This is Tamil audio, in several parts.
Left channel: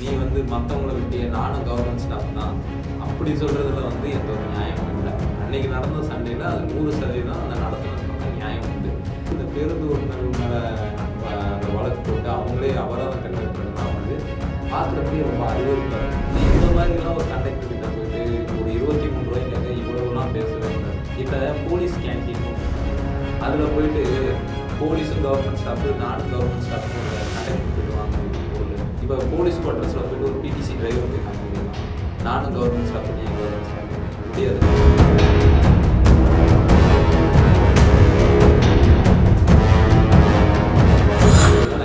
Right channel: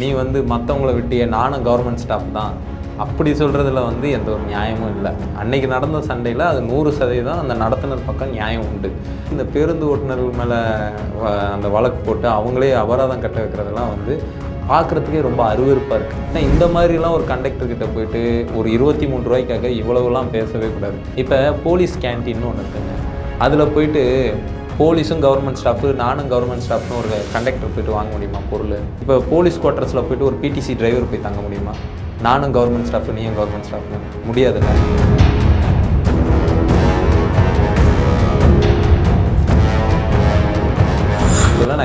நீ வந்து மற்றவங்கள விட்டிய நானும் கவர்மெண்ட் ஸ்டாஃப் தான். அப்படி சொல்கிறதுல வந்து எந்த ஒரு நியாயமும் இல்லை. அன்னைக்கு நடந்த சண்டையில் அது நூறு சதவீதம் அந்த நடத்துனர் பக்கம் நியாயம் உண்டு. இந்த பேருந்து ஓட்டுநர்கள் மேலே அந்த வழக்கு போட்டு அவங்களே அபராதம் கட்ட வைக்கிறதெல்லாம் வந்து பார்க்குறதுக்கே ரொம்ப அருவருப்பாக இருக்குது ஆனால் இந்த மாதிரிலாம் ஒரு கண்டக்டர்கிட்ட போயிட்டு ஒரு இருபத்தி மூணு ரூபாய்க்காக இவ்வளவுலாம் பேசவே கூடாது. இப்போ போலீஸ் கேன்டீன்னு ஒன்று இருக்குது அதில் போயிட்டு போலீஸும் கவர்மெண்ட் ஸ்டாஃபு நானும் கவர்மெண்ட் ஸ்டாஃப்னு ஒரு கண்டக்டர் போயிட்டு வாங்க முடியுமா பொருள்? இப்போ போலீஸ் குவார்ட்டர்ஸில் போயிட்டு ஒரு பிடிசி டிரைவர் போய் தங்க முடியுமா? நானும் கவர்மெண்ட் ஸ்டாஃப் நீயும் கவர்மெண்ட் ஸ்டாஃப் முடியாது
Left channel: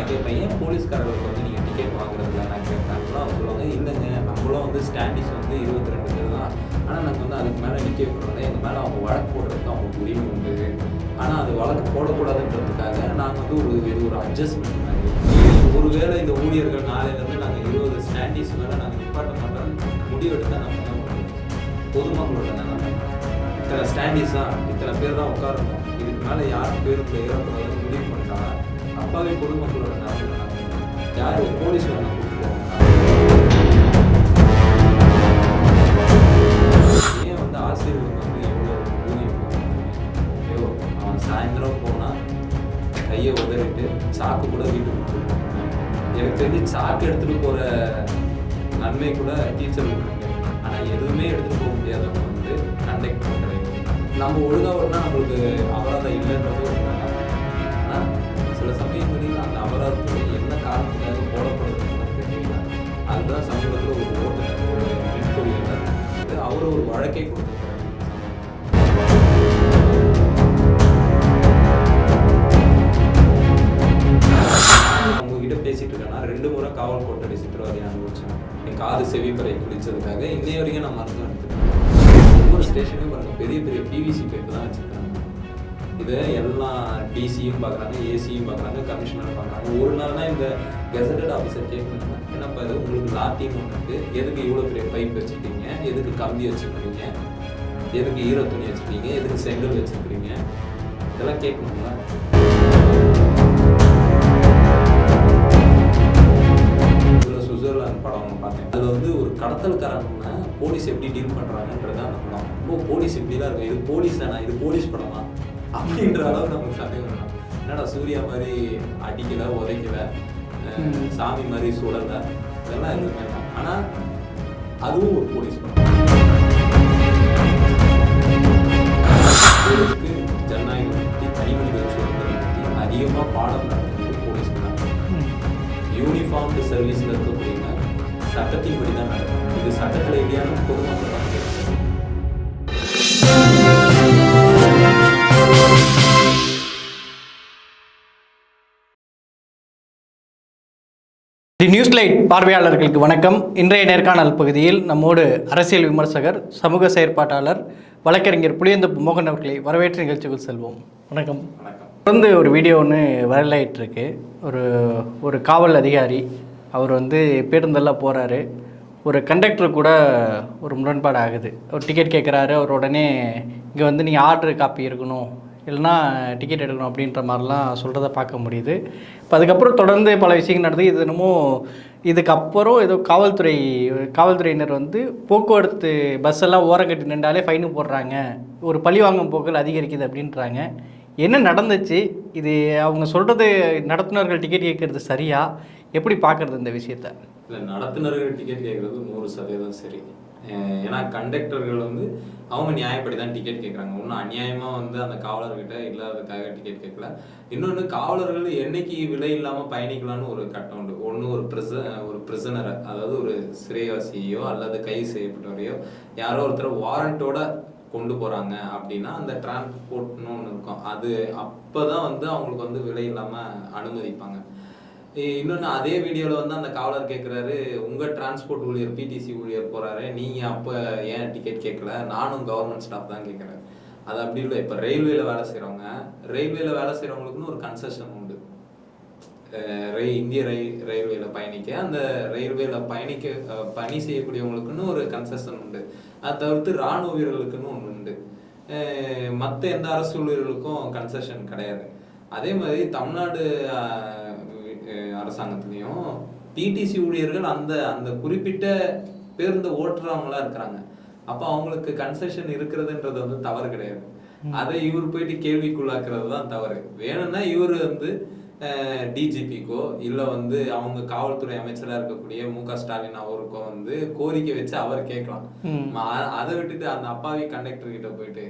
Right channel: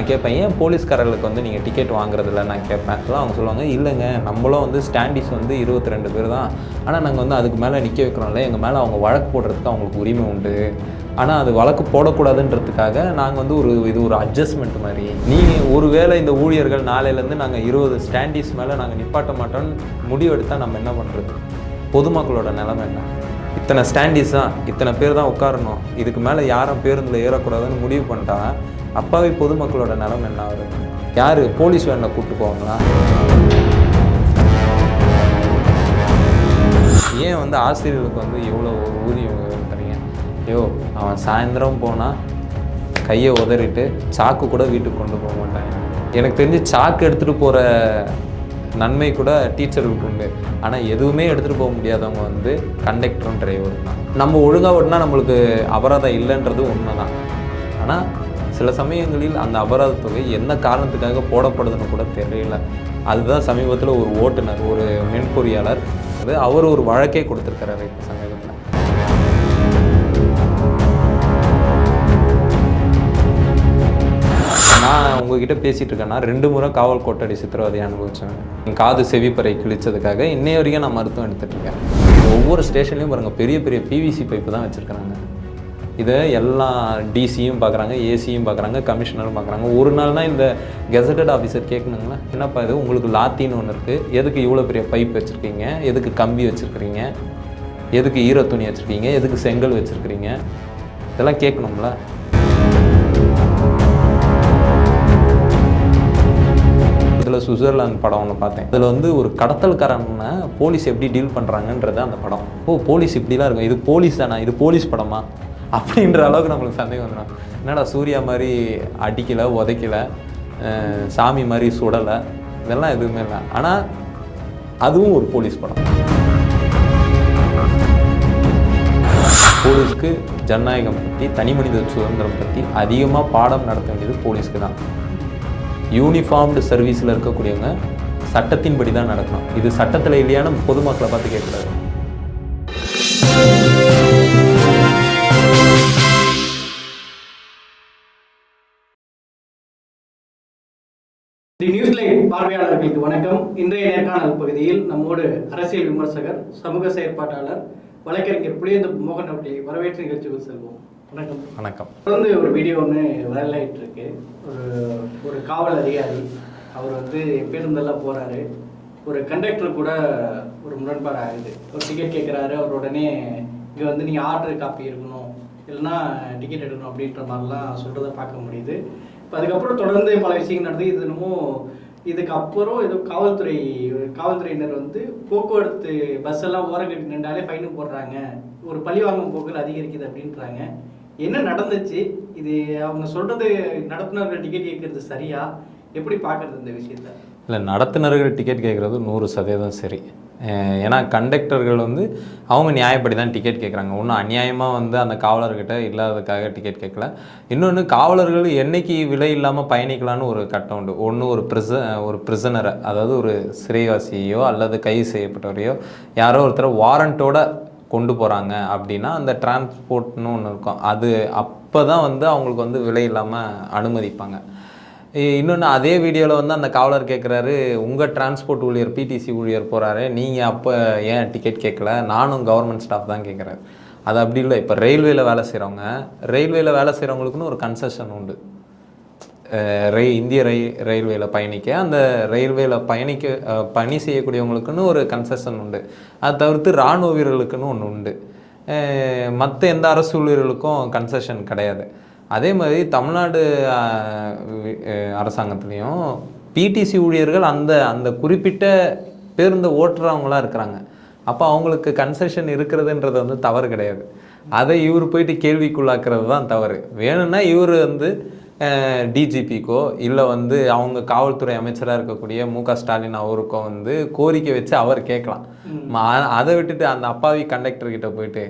நான் கேட்பேன் ஏன் போலீஸ்காரர்களுக்கு வந்து நீங்கள் டிக்கெட் வாங்குறதில்ல? நான் கேட்பேன். அப்போலாம் அவங்க சொல்லுவாங்க இல்லைங்க நம்மளும் வந்து ஸ்டாண்டிஸ் வந்து இருபத்தி ரெண்டு பேர் தான். ஆனால் நாங்கள் வந்து அதுக்கு மேலே நிற்க வைக்கிறோம்ல எங்கள் மேலே அவங்க வழக்கு போடுறதுக்கு அவங்களுக்கு உரிமை உண்டு. ஆனால் அது வழக்கு போடக்கூடாதுன்றதுக்காக நாங்கள் வந்து ஒரு இது ஒரு அட்ஜஸ்ட்மெண்ட் மாதிரி. நீங்கள் ஒருவேளை இந்த ஊழியர்கள் நாளையிலேருந்து நாங்கள் இருபது ஸ்டாண்டிஸ் மேலே நாங்கள் நிப்பாட்ட மாட்டோம்னு முடிவெடுத்தால் நம்ம என்ன பண்ணுறது பொதுமக்களோட நிலைமை என்ன? இத்தனை ஸ்டாண்டிஸ் தான் இத்தனை பேர் தான் உட்காரணும். இதுக்கு மேலே யாரும் பேருந்தில் ஏறக்கூடாதுன்னு முடிவு பண்ணிட்டாங்க அப்பாவி பொதுமக்களோட நிலைமை என்ன ஆகுது? யார் போலீஸ் வேனில் கூப்பிட்டு போவாங்களா? ஏன் வந்து ஆசிரியர்களுக்கு வந்து இவ்வளோ ஊதியம் தரீங்க ஐயோ அவன் சாயந்தரம் போனால் கையை உதறிட்டு சாக்கு கூட வீட்டுக்கு கொண்டு போக மாட்டேன். எனக்கு தெரிஞ்சு சாக்கு எடுத்துகிட்டு போகிற நன்மை கூட டீச்சர்களுக்கு உண்டு. ஆனால் எதுவுமே எடுத்துகிட்டு போக முடியாதவங்க வந்து கண்டக்டரும் டிரைவரும் நம்ம ஒழுங்காக ஓட்டினா நம்மளுக்கு அபராதம் இல்லைன்றது உண்மை தான் ஆனால் சில சமயங்களில் அந்த அபராதத் தொகை என்ன காரணத்துக்காக போடப்படுதுன்னு கூட தெரியல. அதுதான் சமீபத்தில் ஒரு ஓட்டுநர் ஒரு மென்பொறியாளர் அது அவர் ஒரு வழக்கே கொடுத்துருக்கிறாரு சமீபத்தில். நான் உங்ககிட்ட பேசிட்டு இருக்கேன்னா ரெண்டு முறை காவல் கோட்டடி சித்திரவதை அனுபவிச்சேன் என் காது செவிப்பறை கிழிச்சதுக்காக இன்னைய வரைக்கும் நான் மருத்துவம் எடுத்துட்டு இருக்கேன். ஒவ்வொரு ஸ்டேஷன்லையும் பாருங்க பெரிய பெரிய பிவிசி பைப்பு தான் வச்சிருக்காங்க இதை எல்லா டிசியும் பார்க்குறாங்க ஏசியும் பார்க்குறாங்க கமிஷனரும் பார்க்குறாங்க. ஒரு நாள் தான் இந்த கெசட்டட் ஆஃபீஸர் கேட்கணுங்கன்னா என்னப்பா இது? உங்களுக்கு லாத்தின்னு ஒன்று இருக்குது எதுக்கு இவ்வளோ பெரிய பைப் வச்சுருக்கீங்க? எதுக்கு கம்பி வச்சுருக்கிறீங்க? எதுக்கு ஈர துணி வச்சுருக்கீங்க? எதுக்கு செங்கல் வச்சுருக்கிறீங்க? இதெல்லாம் கேட்கணும்ல. இதில் சுவிட்சர்லாந்து படம் ஒன்று பார்த்தேன். அதில் வந்து ஒரு கடத்தல்காரன்னா போலீஸ் எப்படி டீல் பண்ணுறாங்கன்றது அந்த படம். ஓ போலீஸ் இப்படிலாம் இருக்கும் இது போலீஸ் தானா? இது போலீஸ் படமா? அப்படின்ற அளவுக்கு நம்மளுக்கு சந்தேகம் தான் என்னடா சூர்யா மாதிரி அடிக்கலை உதைக்கல சாமி மாதிரி சுடலை இதெல்லாம் எதுவுமே இல்லை. ஆனால் அதுவும் ஒரு போலீஸ் படம். போலீஸ்க்கு ஜனநாயகம் பற்றி தனி மனித சுதந்திரம் பற்றி அதிகமாக பாடம் நடத்த வேண்டியது போலீஸ்க்கு தான். யூனிஃபார்ம்டு சர்வீஸில் இருக்கக்கூடியவங்க சட்டத்தின்படி தான் நடக்கணும் இது சட்டத்தில் இல்லையான பொதுமக்களை பார்த்து கேட்கக்கூடாது. தி நியூஸ் லைட் பார்வையாளர்களுக்கு வணக்கம். இன்றைய நேர்காணல் பகுதியில் நம்மோடு அரசியல் விமர்சகர் சமூக செயற்பாட்டாளர் வழக்கறிஞர் புளியந்தப்பு மோகன் அவர்களை வரவேற்று நிகழ்ச்சிக்குள் செல்வோம். வணக்கம். வணக்கம். தொடர்ந்து ஒரு வீடியோ ஒன்று வைரலாயிட்டு இருக்கு ஒரு ஒரு காவல் அதிகாரி அவர் வந்து பேருந்தெல்லாம் போகிறாரு ஒரு கண்டக்டர் கூட ஒரு முரண்பாடு ஆகுது. ஒரு டிக்கெட் கேட்குறாரு அவர் உடனே இங்கே வந்து நீங்கள் ஆர்டர் காப்பி இருக்கணும் இல்லைன்னா டிக்கெட் எடுக்கணும். அப்படின்ற மாதிரிலாம் சொல்கிறத பார்க்க முடியுது. இப்போ அதுக்கப்புறம் தொடர்ந்து பல விஷயங்கள் நடந்தது. இது என்னமோ இதுக்கப்புறம் ஏதோ காவல்துறை காவல்துறையினர் வந்து போக்குவரத்து பஸ் எல்லாம் ஓரம் கட்டி நின்றாலே ஃபைனு போடுறாங்க. ஒரு பழிவாங்கும் போக்குகள் அதிகரிக்குது அப்படின்றாங்க. என்ன நடந்துச்சு? இது அவங்க சொல்கிறது நடத்துனர்கள் டிக்கெட் கேட்குறது சரியா? எப்படி பார்க்குறது இந்த விஷயத்தை? இல்லை நடத்துனர்கள் டிக்கெட் கேட்குறது நூறு சதவீதம் சரி. ஏன்னா கண்டக்டர்கள் வந்து அவங்க நியாயப்படி தான் டிக்கெட் கேட்குறாங்க. ஒன்றும் அநியாயமாக வந்து அந்த காவலர்கிட்ட இல்லாததுக்காக டிக்கெட் கேட்கல. இன்னொன்று காவலர்கள் என்னைக்கு விலை இல்லாமல் பயணிக்கலாம்னு ஒரு கட்டம் உண்டு. ஒன்று ஒரு ப்ரிச ஒரு பிரிசனரை அதாவது ஒரு சிறைவாசியோ அல்லது கைது செய்யப்பட்டவரையோ யாரோ ஒருத்தர் வாரண்ட்டோட கொண்டு போகிறாங்க அப்படின்னா அந்த டிரான்ஸ்போர்ட்னு ஒன்று இருக்கும். அது அப்போ தான் வந்து அவங்களுக்கு வந்து விலை இல்லாமல் அனுமதிப்பாங்க. இன்னொன்று அதே வீடியோவில் வந்து அந்த காவலர் கேட்குறாரு உங்கள் டிரான்ஸ்போர்ட் ஊழியர் பிடிசி ஊழியர் போகிறாரு நீங்கள் அப்போ ஏன் டிக்கெட் கேட்கல நானும் கவர்மெண்ட் ஸ்டாஃப் தான் கேட்குறாரு அது அப்படி இல்லை. இப்போ ரயில்வேல வேலை செய்கிறவங்க ரயில்வேல வேலை செய்கிறவங்களுக்குன்னு ஒரு கன்செஷன் உண்டு. ரயில் இந்திய ரயில் ரயில்வேல பயணிக்க அந்த ரயில்வேல பயணிக்க பணி செய்யக்கூடியவங்களுக்குன்னு ஒரு கன்செஷன் உண்டு. அதை தவிர்த்து இராணுவ வீரர்களுக்குன்னு ஒன்று உண்டு. மற்ற எந்த அரசு ஊழியர்களுக்கும் கன்செஷன் கிடையாது. அதே மாதிரி தமிழ்நாடு அரசாங்கத்துலேயும் பிடிசி ஊழியர்கள் அந்த அந்த குறிப்பிட்ட பேருந்து ஓட்டுறவங்களா இருக்கிறாங்க. அப்போ அவங்களுக்கு கன்செஷன் இருக்கிறதுன்றது வந்து தவறு கிடையாது. அதை இவர் போயிட்டு கேள்விக்குள்ளாக்குறது தான் தவறு. வேணும்னா இவர் வந்து டிஜிபிக்கோ இல்லை வந்து அவங்க காவல்துறை அமைச்சராக இருக்கக்கூடிய மு க ஸ்டாலின் அவருக்கோ வந்து கோரிக்கை வச்சு அவர் கேட்கலாம். அதை விட்டுட்டு அந்த அப்பாவி கண்டக்டர் கிட்ட போயிட்டு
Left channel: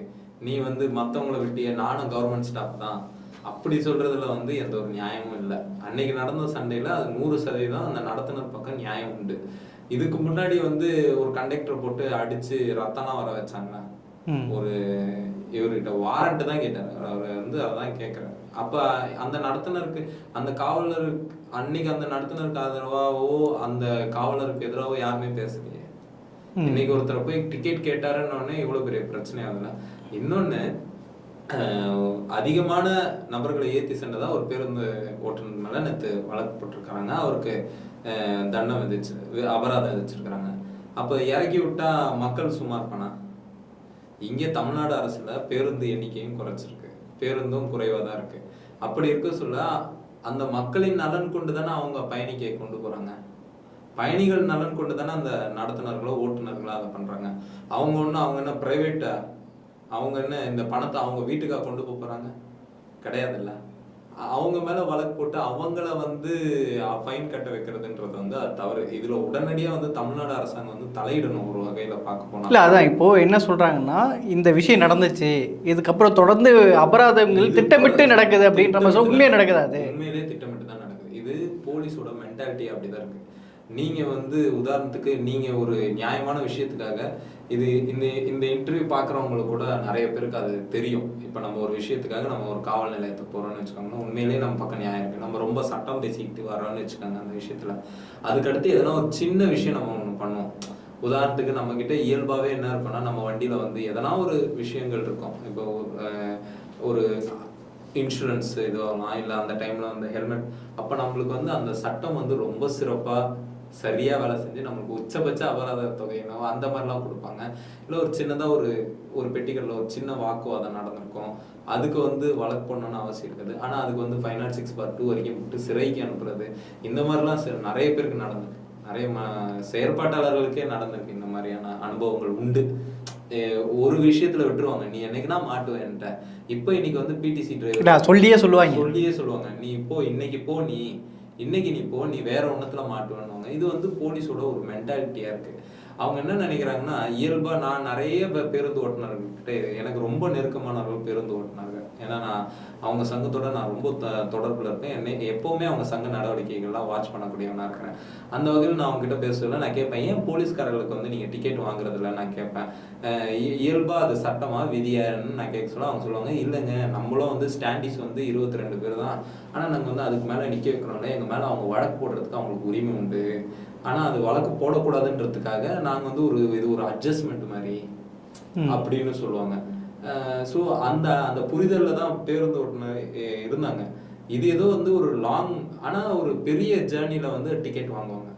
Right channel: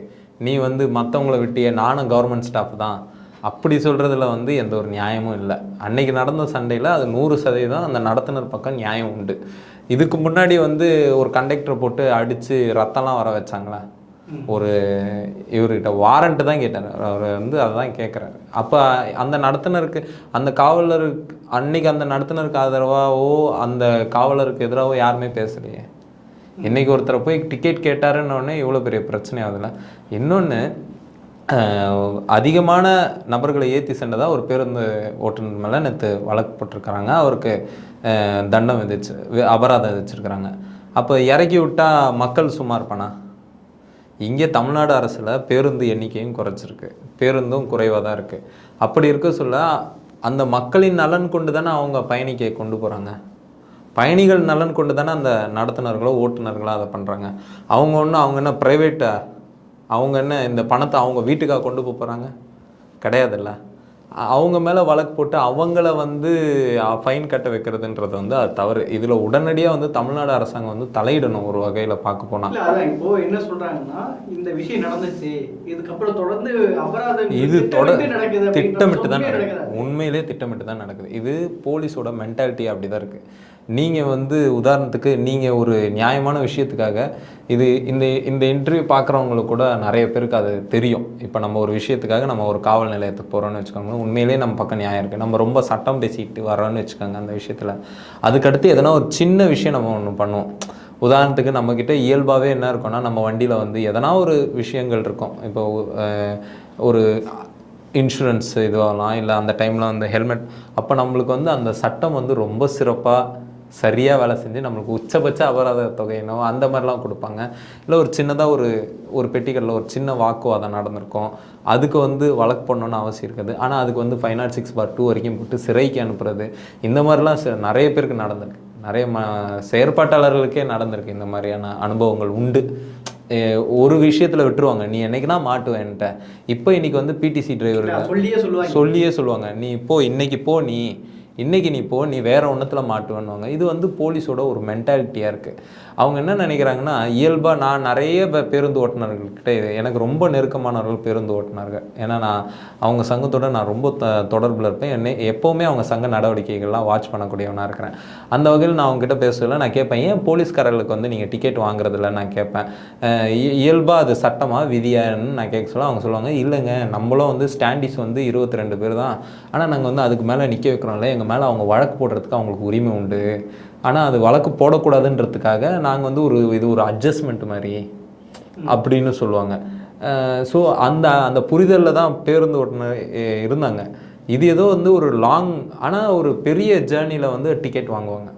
நீ வந்து மற்றவங்கள விட்டிய நானும் கவர்மெண்ட் ஸ்டாஃப் தான். அப்படி சொல்கிறதுல வந்து எந்த ஒரு நியாயமும் இல்லை. அன்னைக்கு நடந்த சண்டையில் அது நூறு சதவீதம் அந்த நடத்துனர் பக்கம் நியாயம் உண்டு. இதுக்கு முன்னாடி வந்து ஒரு கண்டக்டர் போட்டு அடித்து ரத்தம்லாம் வர வச்சாங்களா? ஒரு இவர்கிட்ட வாரண்ட் தான் கேட்டார். அவர் வந்து அதான் கேட்குறாரு அப்போ அந்த நடத்துனருக்கு அந்த காவலருக்கு அன்னைக்கு அந்த நடத்துனருக்கு ஆதரவாவோ அந்த காவலருக்கு எதிராகவோ யாருமே பேசலையே. இன்னைக்கு ஒருத்தரை போய் டிக்கெட் கேட்டாருன்னு உடனே இவ்வளோ பெரிய பிரச்சனை ஆகுதுல இன்னொன்று அதிகமான நபர்களை ஏற்றி சென்றதாக ஒரு பேருந்து ஓட்டுநர் மேலே நேற்று வழக்கு போட்டிருக்கிறாங்க அவருக்கு தண்டம் விதிச்சு அபராதம் விதிச்சிருக்கிறாங்க. அப்போ இறக்கி விட்டா மக்கள் சும்மா இருப்பானா இங்கே தமிழ்நாடு அரசில் பேருந்து எண்ணிக்கையும் குறைச்சிருக்கு. பேருந்தும் குறைவாக தான் இருக்குது அப்படி இருக்க சொல்ல அந்த மக்களின் நலன் கொண்டு தானே அவங்க பயணிக்க கொண்டு போகிறாங்க பயணிகள் நலன் கொண்டு தானே அந்த நடத்துனர்களோ ஓட்டுநர்களோ அதை பண்ணுறாங்க அவங்க ஒன்றும் அவங்க என்ன ப்ரைவேட்டா அவங்க என்ன இந்த பணத்தை அவங்க வீட்டுக்காக கொண்டு போக போகிறாங்க கிடையாதுல்ல. அவங்க மேலே வழக்கு போட்டு அவங்கள வந்து ஃபைன் கட்ட வைக்கிறதுன்றது வந்து அது தவறு. இதில் உடனடியாக வந்து தமிழ்நாடு அரசாங்கம் வந்து தலையிடணும் ஒரு வகையில் பார்க்க போனால் இல்ல அதான் இப்போ என்ன சொல்றாங்கன்னா இந்த விஷயம் நடந்துச்சு இதுக்கப்புறம் தொடர்ந்து அபராதம் திட்டமிட்டு நடக்குது அப்படின்ற திட்டமிட்டு மாதிரி தான் உண்மையா நடக்குது. நடக்குது அது. உண்மையிலே திட்டமிட்டு தான் நடக்குது. இது போலீஸோட மென்டாலிட்டி அப்படிதான் இருக்கு. நீங்கள் வந்து உதாரணத்துக்கு நீங்கள் ஒரு நியாயமான விஷயத்துக்காக இது இந்த இந்த இன்டர்வியூ பார்க்குறவங்களுக்கு கூட நிறைய பேருக்கு அது தெரியும். இப்போ நம்ம ஒரு விஷயத்துக்காக நம்ம ஒரு காவல் நிலையத்துக்கு போகிறோம்னு வச்சுக்கோங்க உண்மையிலே நம்ம பக்கம் நியாயம் இருக்குது நம்ம ரொம்ப சட்டம் பேசிக்கிட்டு வரோன்னு வச்சுக்கோங்க அந்த விஷயத்தில். அதுக்கடுத்து எதனா ஒரு சின்ன விஷயம் நம்ம ஒன்று பண்ணுவோம். உதாரணத்துக்கு நம்மக்கிட்ட இயல்பாகவே என்ன இருக்கும்னா நம்ம வண்டியில் வந்து எதனா ஒரு விஷயங்கள் இருக்கும். இப்போ ஒரு இன்சூரன்ஸ் இதுவாகலாம் இல்லை அந்த டைமில் வந்து ஹெல்மெட் அப்போ நம்மளுக்கு வந்து அந்த சட்டம் வந்து ரொம்ப சிறப்பாக சரியாக வேலை செஞ்சு நம்மளுக்கு உச்சபட்ச அபராத தொகையினோ அந்த மாதிரிலாம் கொடுப்பாங்க. இல்லை ஒரு சின்னதாக ஒரு ஒரு பெட்டிகளில் ஒரு சின்ன வாக்குவாதம் நடந்திருக்கும். அதுக்கு வந்து வழக்கு பண்ணணும்னு அவசியம் இருக்காது. ஆனால் அதுக்கு வந்து five naught six bar two வரைக்கும் போட்டு சிறைக்கு அனுப்புறது. இந்த மாதிரிலாம் நிறைய பேருக்கு நடந்திருக்கு. நிறைய ம செயற்பாட்டாளர்களுக்கே நடந்திருக்கு இந்த மாதிரியான அனுபவங்கள் உண்டு. ஒரு விஷயத்துல விட்டுருவாங்க. நீ என்னைக்குனா மாட்டுவேன்ட்ட இப்போ இன்னைக்கு வந்து பிடிசி டிரைவர் சொல்லியே சொல்லுவாங்க. சொல்லியே சொல்லுவாங்க. நீ இப்போ இன்னைக்கு போ நீ இன்றைக்கி நீ போ நீ வேறு ஒன்றத்தில் மாட்டுவேன்னுவாங்க. இது வந்து போலீஸோட ஒரு மென்டாலிட்டியாக இருக்குது அவங்க என்ன நினைக்கிறாங்கன்னா இயல்பாக நான் நிறைய பேருந்து ஓட்டுநர்கள்கிட்ட எனக்கு ரொம்ப நெருக்கமானவர்கள் பேருந்து ஓட்டுநர்கள். ஏன்னா நான் அவங்க சங்கத்தோட நான் ரொம்ப த தொடர்பில் இருப்பேன். என்னை எப்போவுமே அவங்க சங்க நடவடிக்கைகள்லாம் வாட்ச் பண்ணக்கூடியவனாக இருக்கிறேன். அந்த வகையில் நான் அவங்ககிட்ட பேசல நான் கேட்பேன் ஏன் போலீஸ்காரர்களுக்கு வந்து நீங்கள் டிக்கெட் வாங்குறதில்ல? நான் கேட்பேன். இயல்பாக இ- அது சட்டமாக விதியான்னு நான் கேட்க சொல்ல அவங்க சொல்லுவாங்க இல்லைங்க நம்மளும் வந்து ஸ்டாண்டிஸ் வந்து இருபத்தி ரெண்டு பேர் தான். ஆனால் நாங்கள் வந்து அதுக்கு மேலே நிற்க வைக்கிறோம்ல எங்கள் மேலே அவங்க வழக்கு போடுறதுக்கு அவங்களுக்கு உரிமை உண்டு. ஆனால் அது வழக்கு போடக்கூடாதுன்றதுக்காக நாங்கள் வந்து ஒரு இது ஒரு அட்ஜஸ்ட்மெண்ட் மாதிரி அப்படின்னு சொல்லுவாங்க. ஸோ அந்த அந்த புரிதலில் தான் பேருந்து ஓட்டுநர் இருந்தாங்க. இது ஏதோ வந்து ஒரு லாங் ஆனால் ஒரு பெரிய ஜேர்னியில் வந்து டிக்கெட் வாங்குவாங்க.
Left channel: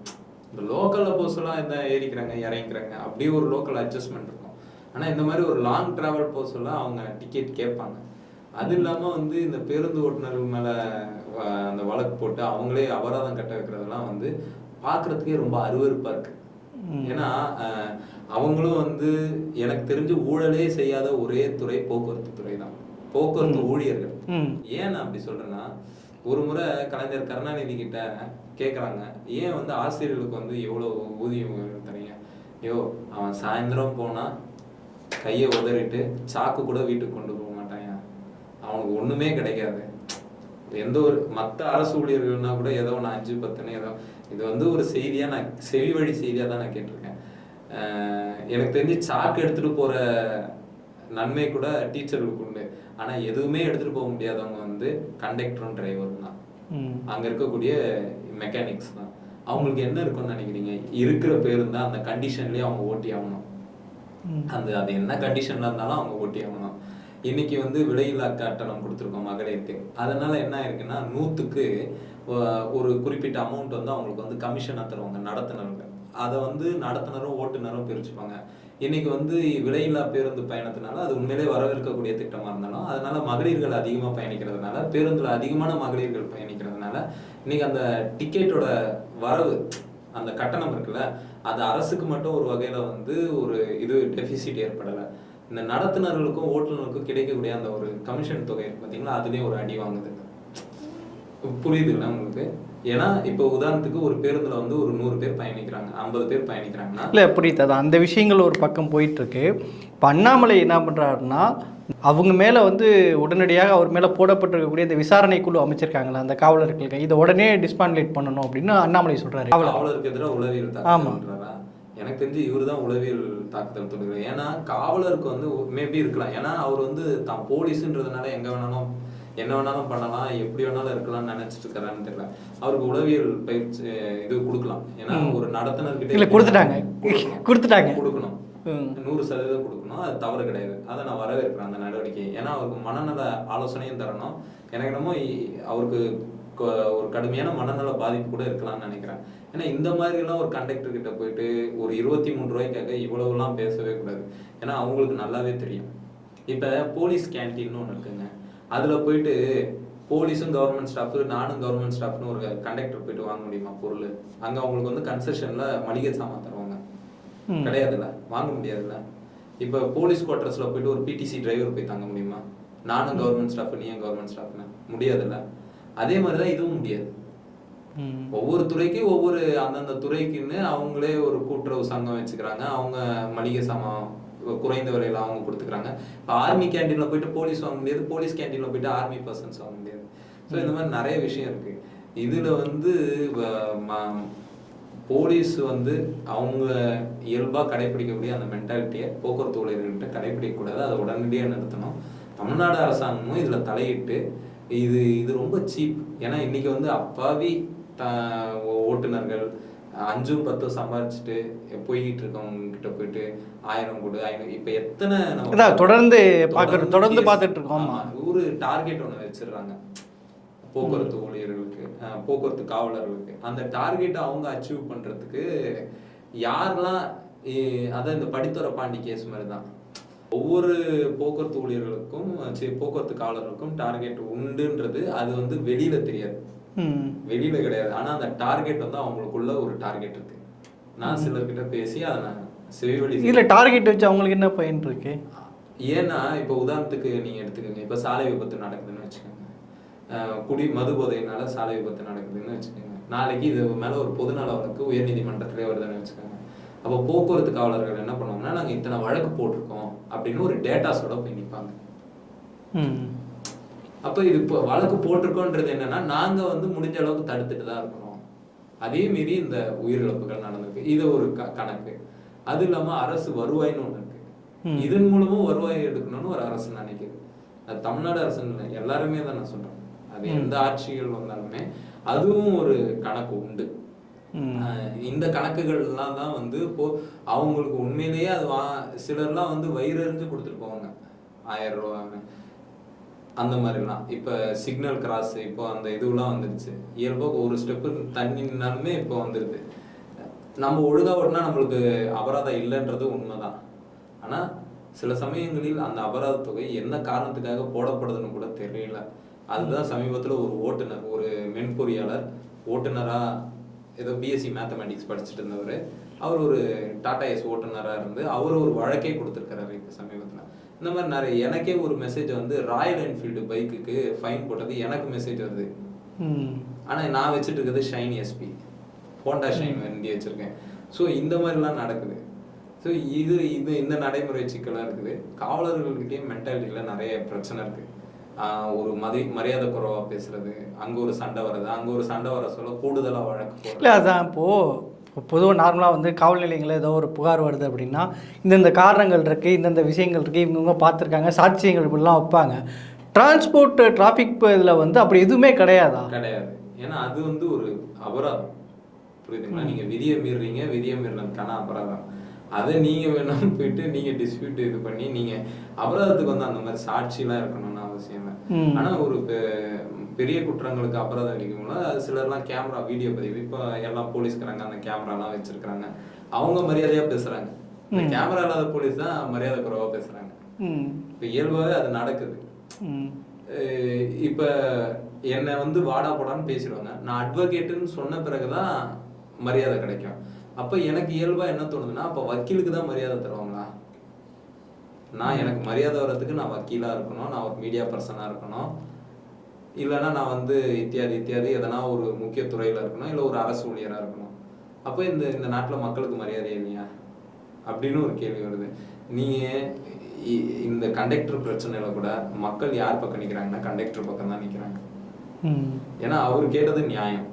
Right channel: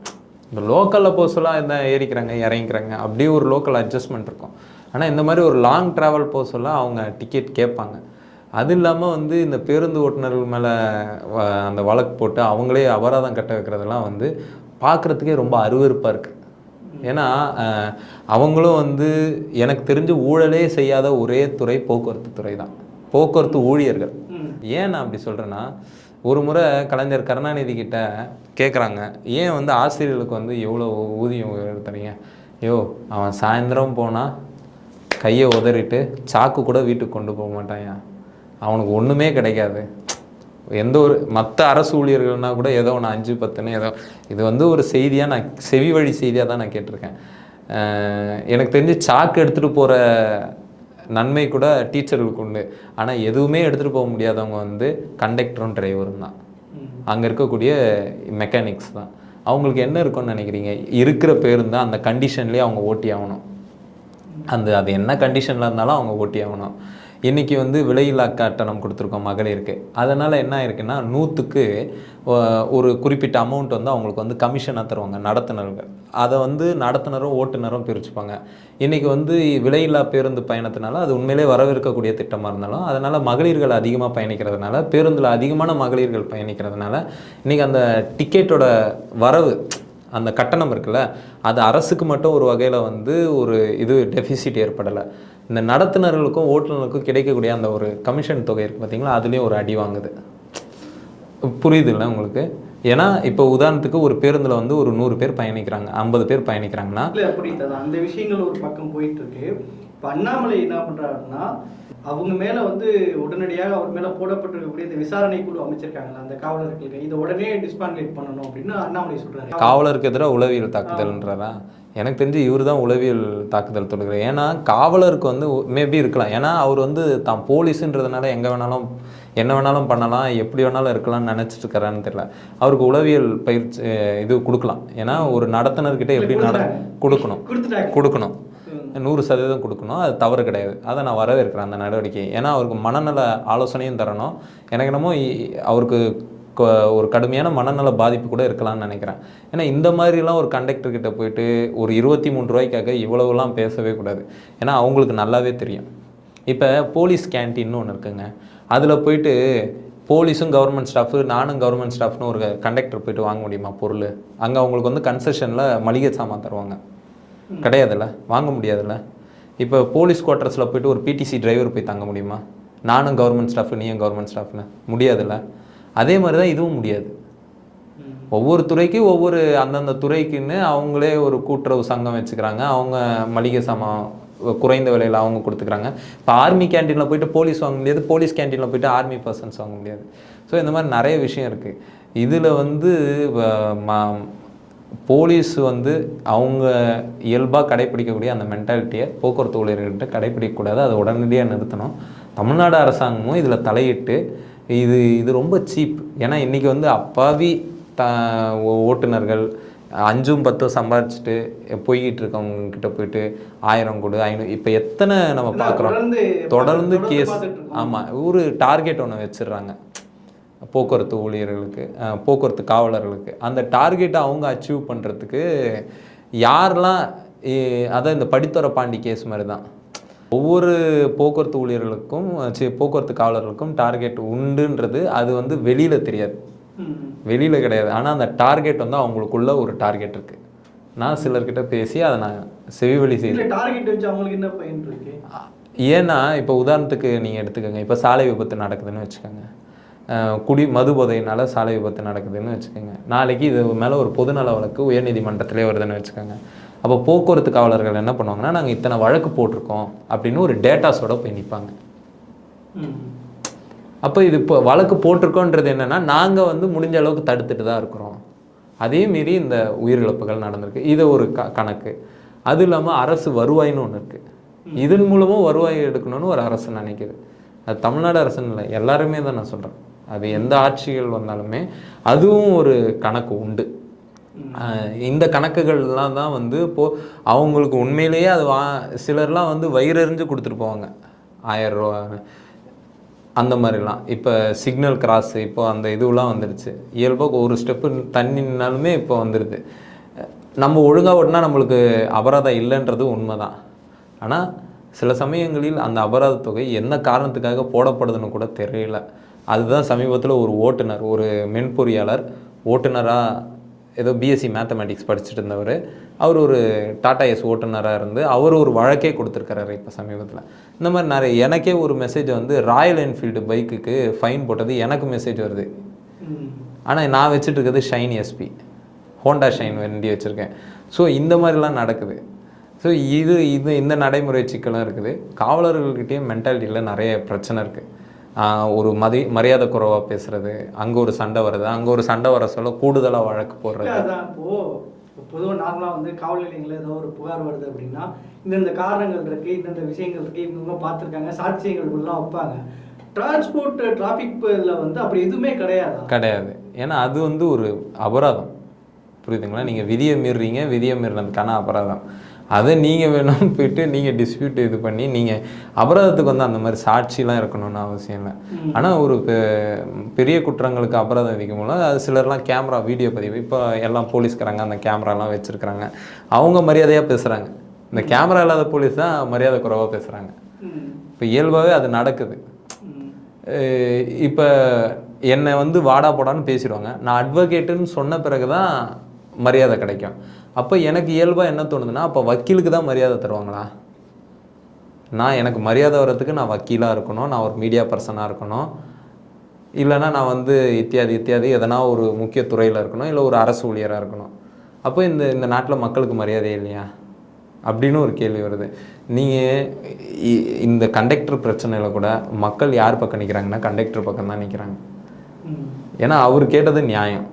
இந்த லோக்கலில் சொல்ல என்ன ஏறிக்கிறாங்க இறங்கிக்கிறாங்க அப்படியே ஒரு லோக்கல் அட்ஜஸ்ட்மெண்ட் இருக்கும். ஆனால் இந்த மாதிரி ஒரு லாங் ட்ராவல் சொல்ல அவங்க டிக்கெட் கேட்பாங்க. அது இல்லாமல் வந்து இந்த பேருந்து ஓட்டுநர்கள் மேலே அந்த வழக்கு போட்டு அவங்களே அபராதம் கட்ட வைக்கிறதெல்லாம் வந்து பார்க்குறதுக்கே ரொம்ப அருவருப்பாக இருக்குது ஏன்னா அவங்களும் வந்து எனக்கு தெரிஞ்சு ஊழலே செய்யாத ஒரே துறை போக்குவரத்து துறை தான். போக்குவரத்து ஊழியர்கள். ஏன் நான் அப்படி சொல்கிறேன்னா ஒரு முறை கலைஞர் கருணாநிதி கிட்ட கேட்குறாங்க ஏன் வந்து ஆசிரியர்களுக்கு வந்து எவ்வளோ ஊதியம் தரீங்க ஐயோ அவன் சாயந்தரம் போனால் கையை உதறிட்டு சாக்கு கூட வீட்டுக்கு கொண்டு போக மாட்டாயா அவனுக்கு ஒன்றுமே கிடைக்காது. எந்த ஒரு மற்ற அரசு ஊழியர்கள்னா கூட ஏதோ ஒன்று அஞ்சு பத்துன்னு ஏதோ இது வந்து ஒரு செய்தியாக நான் செவி வழி செய்தியாக தான் நான் கேட்டிருக்கேன். எனக்கு தெரிஞ்சு சாக்கு எடுத்துகிட்டு போகிற நன்மை கூட டீச்சர்களுக்கு உண்டு. ஆனால் எதுவுமே எடுத்துகிட்டு போக முடியாதவங்க வந்து கண்டக்டரும் டிரைவரும் தான். அங்கே இருக்கக்கூடிய மெக்கானிக்ஸ் தான். அவங்களுக்கு என்ன இருக்கும்னு நினைக்கிறீங்க? இருக்கிற பேருந்து அந்த கண்டிஷன்லேயே அவங்க ஓட்டி ஆகணும். அந்த அது என்ன கண்டிஷனில் இருந்தாலும் அவங்க ஓட்டி ஆகணும். இன்னைக்கு வந்து விலையில்லா கட்டணம் கொடுத்துருக்கோம் மகளிருக்கு. அதனால் என்ன ஆயிருக்குன்னா நூற்றுக்கு ஒரு குறிப்பிட்ட அமௌண்ட் வந்து அவங்களுக்கு வந்து கமிஷனாக தருவாங்க நடத்துனர்கள். அதை வந்து நடத்துனரும் ஓட்டுநரும் பிரிச்சுப்பாங்க. இன்றைக்கி வந்து விலையில்லா பேருந்து பயணத்தினால அது உண்மையிலே வரவேற்கக்கூடிய திட்டமாக இருந்தாலும் அதனால் மகளிர்கள் அதிகமாக பயணிக்கிறதுனால பேருந்தில் அதிகமான மகளிர்கள் பயணிக்கிறதுனால இன்றைக்கி அந்த டிக்கெட்டோட வரவு அந்த கட்டணம் இருக்குல்ல அது அரசுக்கு மட்டும் ஒரு வகையில் வந்து ஒரு இது டெஃபிசிட் ஏற்படலை. இந்த நடத்துனர்களுக்கும் ஓட்டுநர்களுக்கும் கிடைக்கக்கூடிய அந்த ஒரு கமிஷன் தொகை இருக்குது பார்த்தீங்களா அதுலேயும் ஒரு அடி வாங்குது. புரியுதுல்ல உங்களுக்கு? ஏன்னா இப்போ உதாரணத்துக்கு ஒரு பேருந்தில் வந்து ஒரு நூறு பேர் பயணிக்கிறாங்க ஐம்பது பேர் பயணிக்கிறாங்கன்னா இல்லை புரியுது. அது அந்த விஷயங்கள் ஒரு பக்கம் போயிட்டு இருக்கு இப்போ அண்ணாமலை என்ன பண்ணுறாருன்னா அவங்க மேலே வந்து உடனடியாக அவர் மேலே போடப்பட்டிருக்கக்கூடிய இந்த விசாரணை குழு அமைச்சிருக்காங்களா அந்த காவலர்களுக்கு இதை உடனே டிஸ்பான்லேட் பண்ணணும் அப்படின்னு அண்ணாமலை சொல்றாரு. காவலருக்கு எதிராக உளவியல் தாக்குதல்ன்றாரா எனக்கு தெரிஞ்சு இவர் தான் உளவியல் தாக்குதல் தொடுகிறார் ஏன்னா காவலருக்கு வந்து மேபி இருக்கலாம். ஏன்னா அவர் வந்து தான் போலீஸுன்றதுனால எங்கே வேணாலும் என்ன வேணாலும் பண்ணலாம் எப்படி வேணாலும் இருக்கலாம்னு நினைச்சிட்டு இருக்காரான்னு தெரியல. அவருக்கு உளவியல் பயிற்சி இது கொடுக்கலாம். ஏன்னா ஒரு நடத்துனர்கிட்ட கொடுக்கணும். கொடுத்துட்டாங்க. கொடுக்கணும். நூறு சதவீதம் கொடுக்கணும். அது தவறு கிடையாது. அதை நான் வரவேற்கிறேன் அந்த நடவடிக்கை ஏன்னா அவருக்கு மனநல ஆலோசனையும் தரணும். எனக்கு என்னமோ அவருக்கு ஒரு கடுமையான மனநல பாதிப்பு கூட இருக்கலாம்னு நினைக்கிறேன். ஏன்னா இந்த மாதிரிலாம் ஒரு கண்டக்டர் கிட்ட போயிட்டு ஒரு இருபத்தி மூணு ரூபாய்க்காக இவ்வளவுலாம் பேசவே கூடாது. ஏன்னா அவங்களுக்கு நல்லாவே தெரியும். இப்போ போலீஸ் கேன்டீன்னு ஒன்று இருக்குங்க. அதில் போயிட்டு போலீஸும் கவர்மெண்ட் ஸ்டாஃபு நானும் கவர்மெண்ட் ஸ்டாஃப்னு ஒரு கண்டக்டர் போயிட்டு வாங்க முடியுமா பொருள்? அங்கே அவங்களுக்கு வந்து கன்செஷனில் மளிகை சாமான் தருவாங்க. கிடையாதுல்ல? வாங்க முடியாதுல்ல? இப்போ போலீஸ் குவார்ட்டர்ஸில் போயிட்டு ஒரு பிடிசி டிரைவர் போய் தங்க முடியுமா? நானும் கவர்மெண்ட் ஸ்டாஃப் நீயும் கவர்மெண்ட் ஸ்டாஃப்னு முடியாதுல்ல? அதே மாதிரி தான் இதுவும் முடியாது. ஒவ்வொரு துறைக்கும் ஒவ்வொரு அந்தந்த துறைக்குன்னு அவங்களே ஒரு கூட்டுறவு சங்கம் வச்சுக்கிறாங்க. அவங்க மளிகை சாமான் குறைந்த விலையில் அவங்க கொடுத்துக்கிறாங்க. இப்போ ஆர்மி கேண்டீனில் போயிட்டு போலீஸ் வாங்க முடியாது. போலீஸ் கேண்டீனில் போயிட்டு ஆர்மி பர்சன்ஸ் வாங்க முடியாது. ஸோ இந்த மாதிரி நிறைய விஷயம் இருக்குது இதில் வந்து போலீஸ் வந்து அவங்க இயல்பாக கடைப்பிடிக்கக்கூடிய அந்த மென்டாலிட்டியை போக்குவரத்து ஊழியர்கள்ட்ட கடைப்பிடிக்கக்கூடாது அதை உடனடியாக நிறுத்தணும். தமிழ்நாடு அரசாங்கமும் இதில் தலையிட்டு இது இது ரொம்ப சீப் ஏன்னா இன்றைக்கி வந்து அப்பாவி த ஓட்டுநர்கள் அஞ்சும் பத்தும் சம்பாதிச்சுட்டு போய்கிட்டு இருக்கவங்க கிட்ட போயிட்டு ஆயிரம் கொடு ஐநூறு இப்போ எத்தனை நம்ம. தொடர்ந்து தொடர்ந்து தொடர்ந்து case- பார்த்துட்டு இருக்கோம் ஆமா ஒரு டார்கெட் ஒன்று வச்சிடுறாங்க. போக்குவரத்து ஊழியர்களுக்கு போக்குவரத்து காவலர்களுக்கு. அந்த டார்கெட்டை அவங்க அச்சீவ் பண்ணுறதுக்கு யாரெல்லாம் அதான் இந்த படித்துறை பாண்டி கேஸ் மாதிரி தான் ஒவ்வொரு போக்குவரத்து ஊழியர்களுக்கும் சி போக்குவரத்து காவலர்களுக்கும் டார்கெட் உண்டுன்றது அது வந்து வெளியில தெரியாது. வெளியில கிடையாது. ஆனால் அந்த டார்கெட் வந்து அவங்களுக்குள்ள ஒரு டார்கெட் இருக்கு. நான் சிலர்கிட்ட பேசி அதை நான் செவிவழி செய்ய இல்ல டார்கெட் வச்சு அவங்களுக்கு என்ன பயன் இருக்கு? ஏன்னா இப்போ உதாரணத்துக்கு நீங்கள் எடுத்துக்கோங்க. இப்போ சாலை விபத்து நடக்குதுன்னு வச்சுக்கோங்க. குடி மது போதையினால சாலை விபத்து நடக்குதுன்னு வச்சுக்கோங்க. நாளைக்கு இது மேலே ஒரு பொதுநல வழக்கு உயர்நீதிமன்றத்திலே வருதுன்னு வச்சுக்கோங்க. அப்போ போக்குவரத்து காவலர்கள் என்ன பண்ணுவாங்கன்னா நாங்கள் இத்தனை வழக்கு போட்டிருக்கோம் அப்படின்னு ஒரு டேட்டாஸோட போய் நிற்பாங்க. அப்போ இது இப்போ வழக்கு போட்டிருக்கோன்றது என்னன்னா நாங்கள் வந்து முடிஞ்ச அளவுக்கு தடுத்துட்டு தான் இருக்கிறோம். அதே மீறி இந்த உயிரிழப்புகள் நடந்திருக்கு. இது ஒரு க கணக்கு. அது இல்லாமல் அரசு வருவாய்னு ஒன்று இருக்கு. இதன் மூலமும் வருவாய் எடுக்கணும்னு ஒரு அரசு நினைக்குது. அது தமிழ்நாடு அரசுன்னு இல்லை எல்லாருமே தான் நான் சொல்கிறேன் அது எந்த ஆட்சிகள் வந்தாலுமே அதுவும் ஒரு கணக்கு உண்டு. இந்த கணக்குகள்லாம் தான் வந்து இப்போ அவங்களுக்கு உண்மையிலேயே அது வா சிலர்லாம் வந்து வயிறறிஞ்சு கொடுத்துட்டு போவாங்க. ஆயிரம் ரூபா. அந்த மாதிரிலாம். இப்போ சிக்னல் கிராஸ் இப்போ அந்த இதுவெலாம் வந்துடுச்சு. இயல்பாக ஒரு ஸ்டெப்பு தண்ணி நின்னாலுமே இப்போ வந்துடுது. நம்ம ஒழுங்காக ஓட்டினா நம்மளுக்கு அபராதம் இல்லைன்றது உண்மைதான். ஆனால் சில சமயங்களில் அந்த அபராத தொகை என்ன காரணத்துக்காக போடப்படுதுன்னு கூட தெரியல. அதுதான் சமீபத்தில் ஒரு ஓட்டுநர் ஒரு மென்பொறியாளர் ஓட்டுநராக ஏதோ பிஎஸ்சி மேத்தமேட்டிக்ஸ் படிச்சுட்டு இருந்தவர். அவர் ஒரு டாடா எஸ் ஓட்டுநராக இருந்து அவர் ஒரு வழக்கே கொடுத்துருக்காரு இப்போ சமீபத்தில். இந்த மாதிரி நிறைய எனக்கே ஒரு மெசேஜ் வந்து ராயல் என்ஃபீல்டு பைக்குக்கு ஃபைன் போட்டது எனக்கு மெசேஜ் வருது. ஆனால் நான் வச்சுட்டு இருக்கிறது ஷைன் எஸ்பி ஹோண்டா ஷைன் வண்டி வச்சுருக்கேன். ஸோ இந்த மாதிரிலாம் நடக்குது. ஸோ இது இது இந்த நடைமுறை சிக்கலும் இருக்குது. காவலர்கள்கிட்டயும் மென்டாலிட்டியில் நிறைய பிரச்சனை இருக்குது ஒரு மதி மரியாதை குறைவாக பேசுறது அங்கே ஒரு சண்டை வருது அங்கே ஒரு சண்டை வர சொல்ல கூடுதலாக வழக்கு இல்ல போடுறது அதான் இப்போ பொதுவாக நார்மலாக வந்து காவல் நிலையங்களில் ஏதோ ஒரு புகார் வருது அப்படின்னா இந்தந்த காரணங்கள் இருக்கு இந்தந்த விஷயங்கள் இருக்கு இவங்க பார்த்துருக்காங்க சாட்சியங்கள் இப்படிலாம் வைப்பாங்க. டிரான்ஸ்போர்ட் டிராஃபிக் இதில் வந்து அப்படி எதுவுமே கிடையாதா? கிடையாது. ஏன்னா அது வந்து ஒரு அபராதம். புரியுதுங்களா? நீங்கள் விதியை மீறுறீங்க விதியை மீறினதுக்கான அபராதம். அதை நீங்கள் வேணும் போயிட்டு நீங்கள் டிஸ்பியூட் இது பண்ணி நீங்கள் அபராதத்துக்கு வந்து அந்த மாதிரி சாட்சிலாம் இருக்கணும்னு அவசியம் இல்லை. ஆனால் ஒரு பெரிய குற்றங்களுக்கு அபராதம் விதிக்கும்போது அது சிலர்லாம் கேமரா வீடியோ பதிவு இப்போ எல்லாம் போலீஸ்காரங்க அந்த கேமராலாம் வச்சுருக்குறாங்க. அவங்க மரியாதையாக பேசுகிறாங்க இந்த கேமரா இல்லாத போலீஸ் தான் மரியாதை குறைவாக பேசுகிறாங்க இப்போ இயல்பாகவே அது நடக்குது. இப்போ என்னை வந்து வாடா போடான்னு பேசிடுவாங்க. நான் அட்வொகேட்டுன்னு சொன்ன பிறகு தான் மரியாதை கிடைக்கும். அப்போ எனக்கு இயல்பாக என்ன தோணுதுன்னா அப்போ வக்கீலுக்கு தான் மரியாதை தருவாங்களா? நான் எனக்கு மரியாதை வர்றதுக்கு நான் வக்கீலாக இருக்கணும் நான் ஒரு மீடியா பர்சனாக இருக்கணும். இல்லைன்னா நான் வந்து இத்தியாதி இத்தியாதி எதனா ஒரு முக்கிய துறையில் இருக்கணும் இல்லை ஒரு அரசு ஊழியராக இருக்கணும். அப்போ இந்த இந்த நாட்டில் மக்களுக்கு மரியாதை இல்லையா? அப்படின்னு ஒரு கேள்வி வருது. நீங்கள் இந்த கண்டக்டர் பிரச்சனையில் கூட மக்கள் யார் பக்கம் நிற்கிறாங்கன்னா கண்டக்டர் பக்கம் தான் நிற்கிறாங்க ஏன்னா அவர் கேட்டது நியாயம்.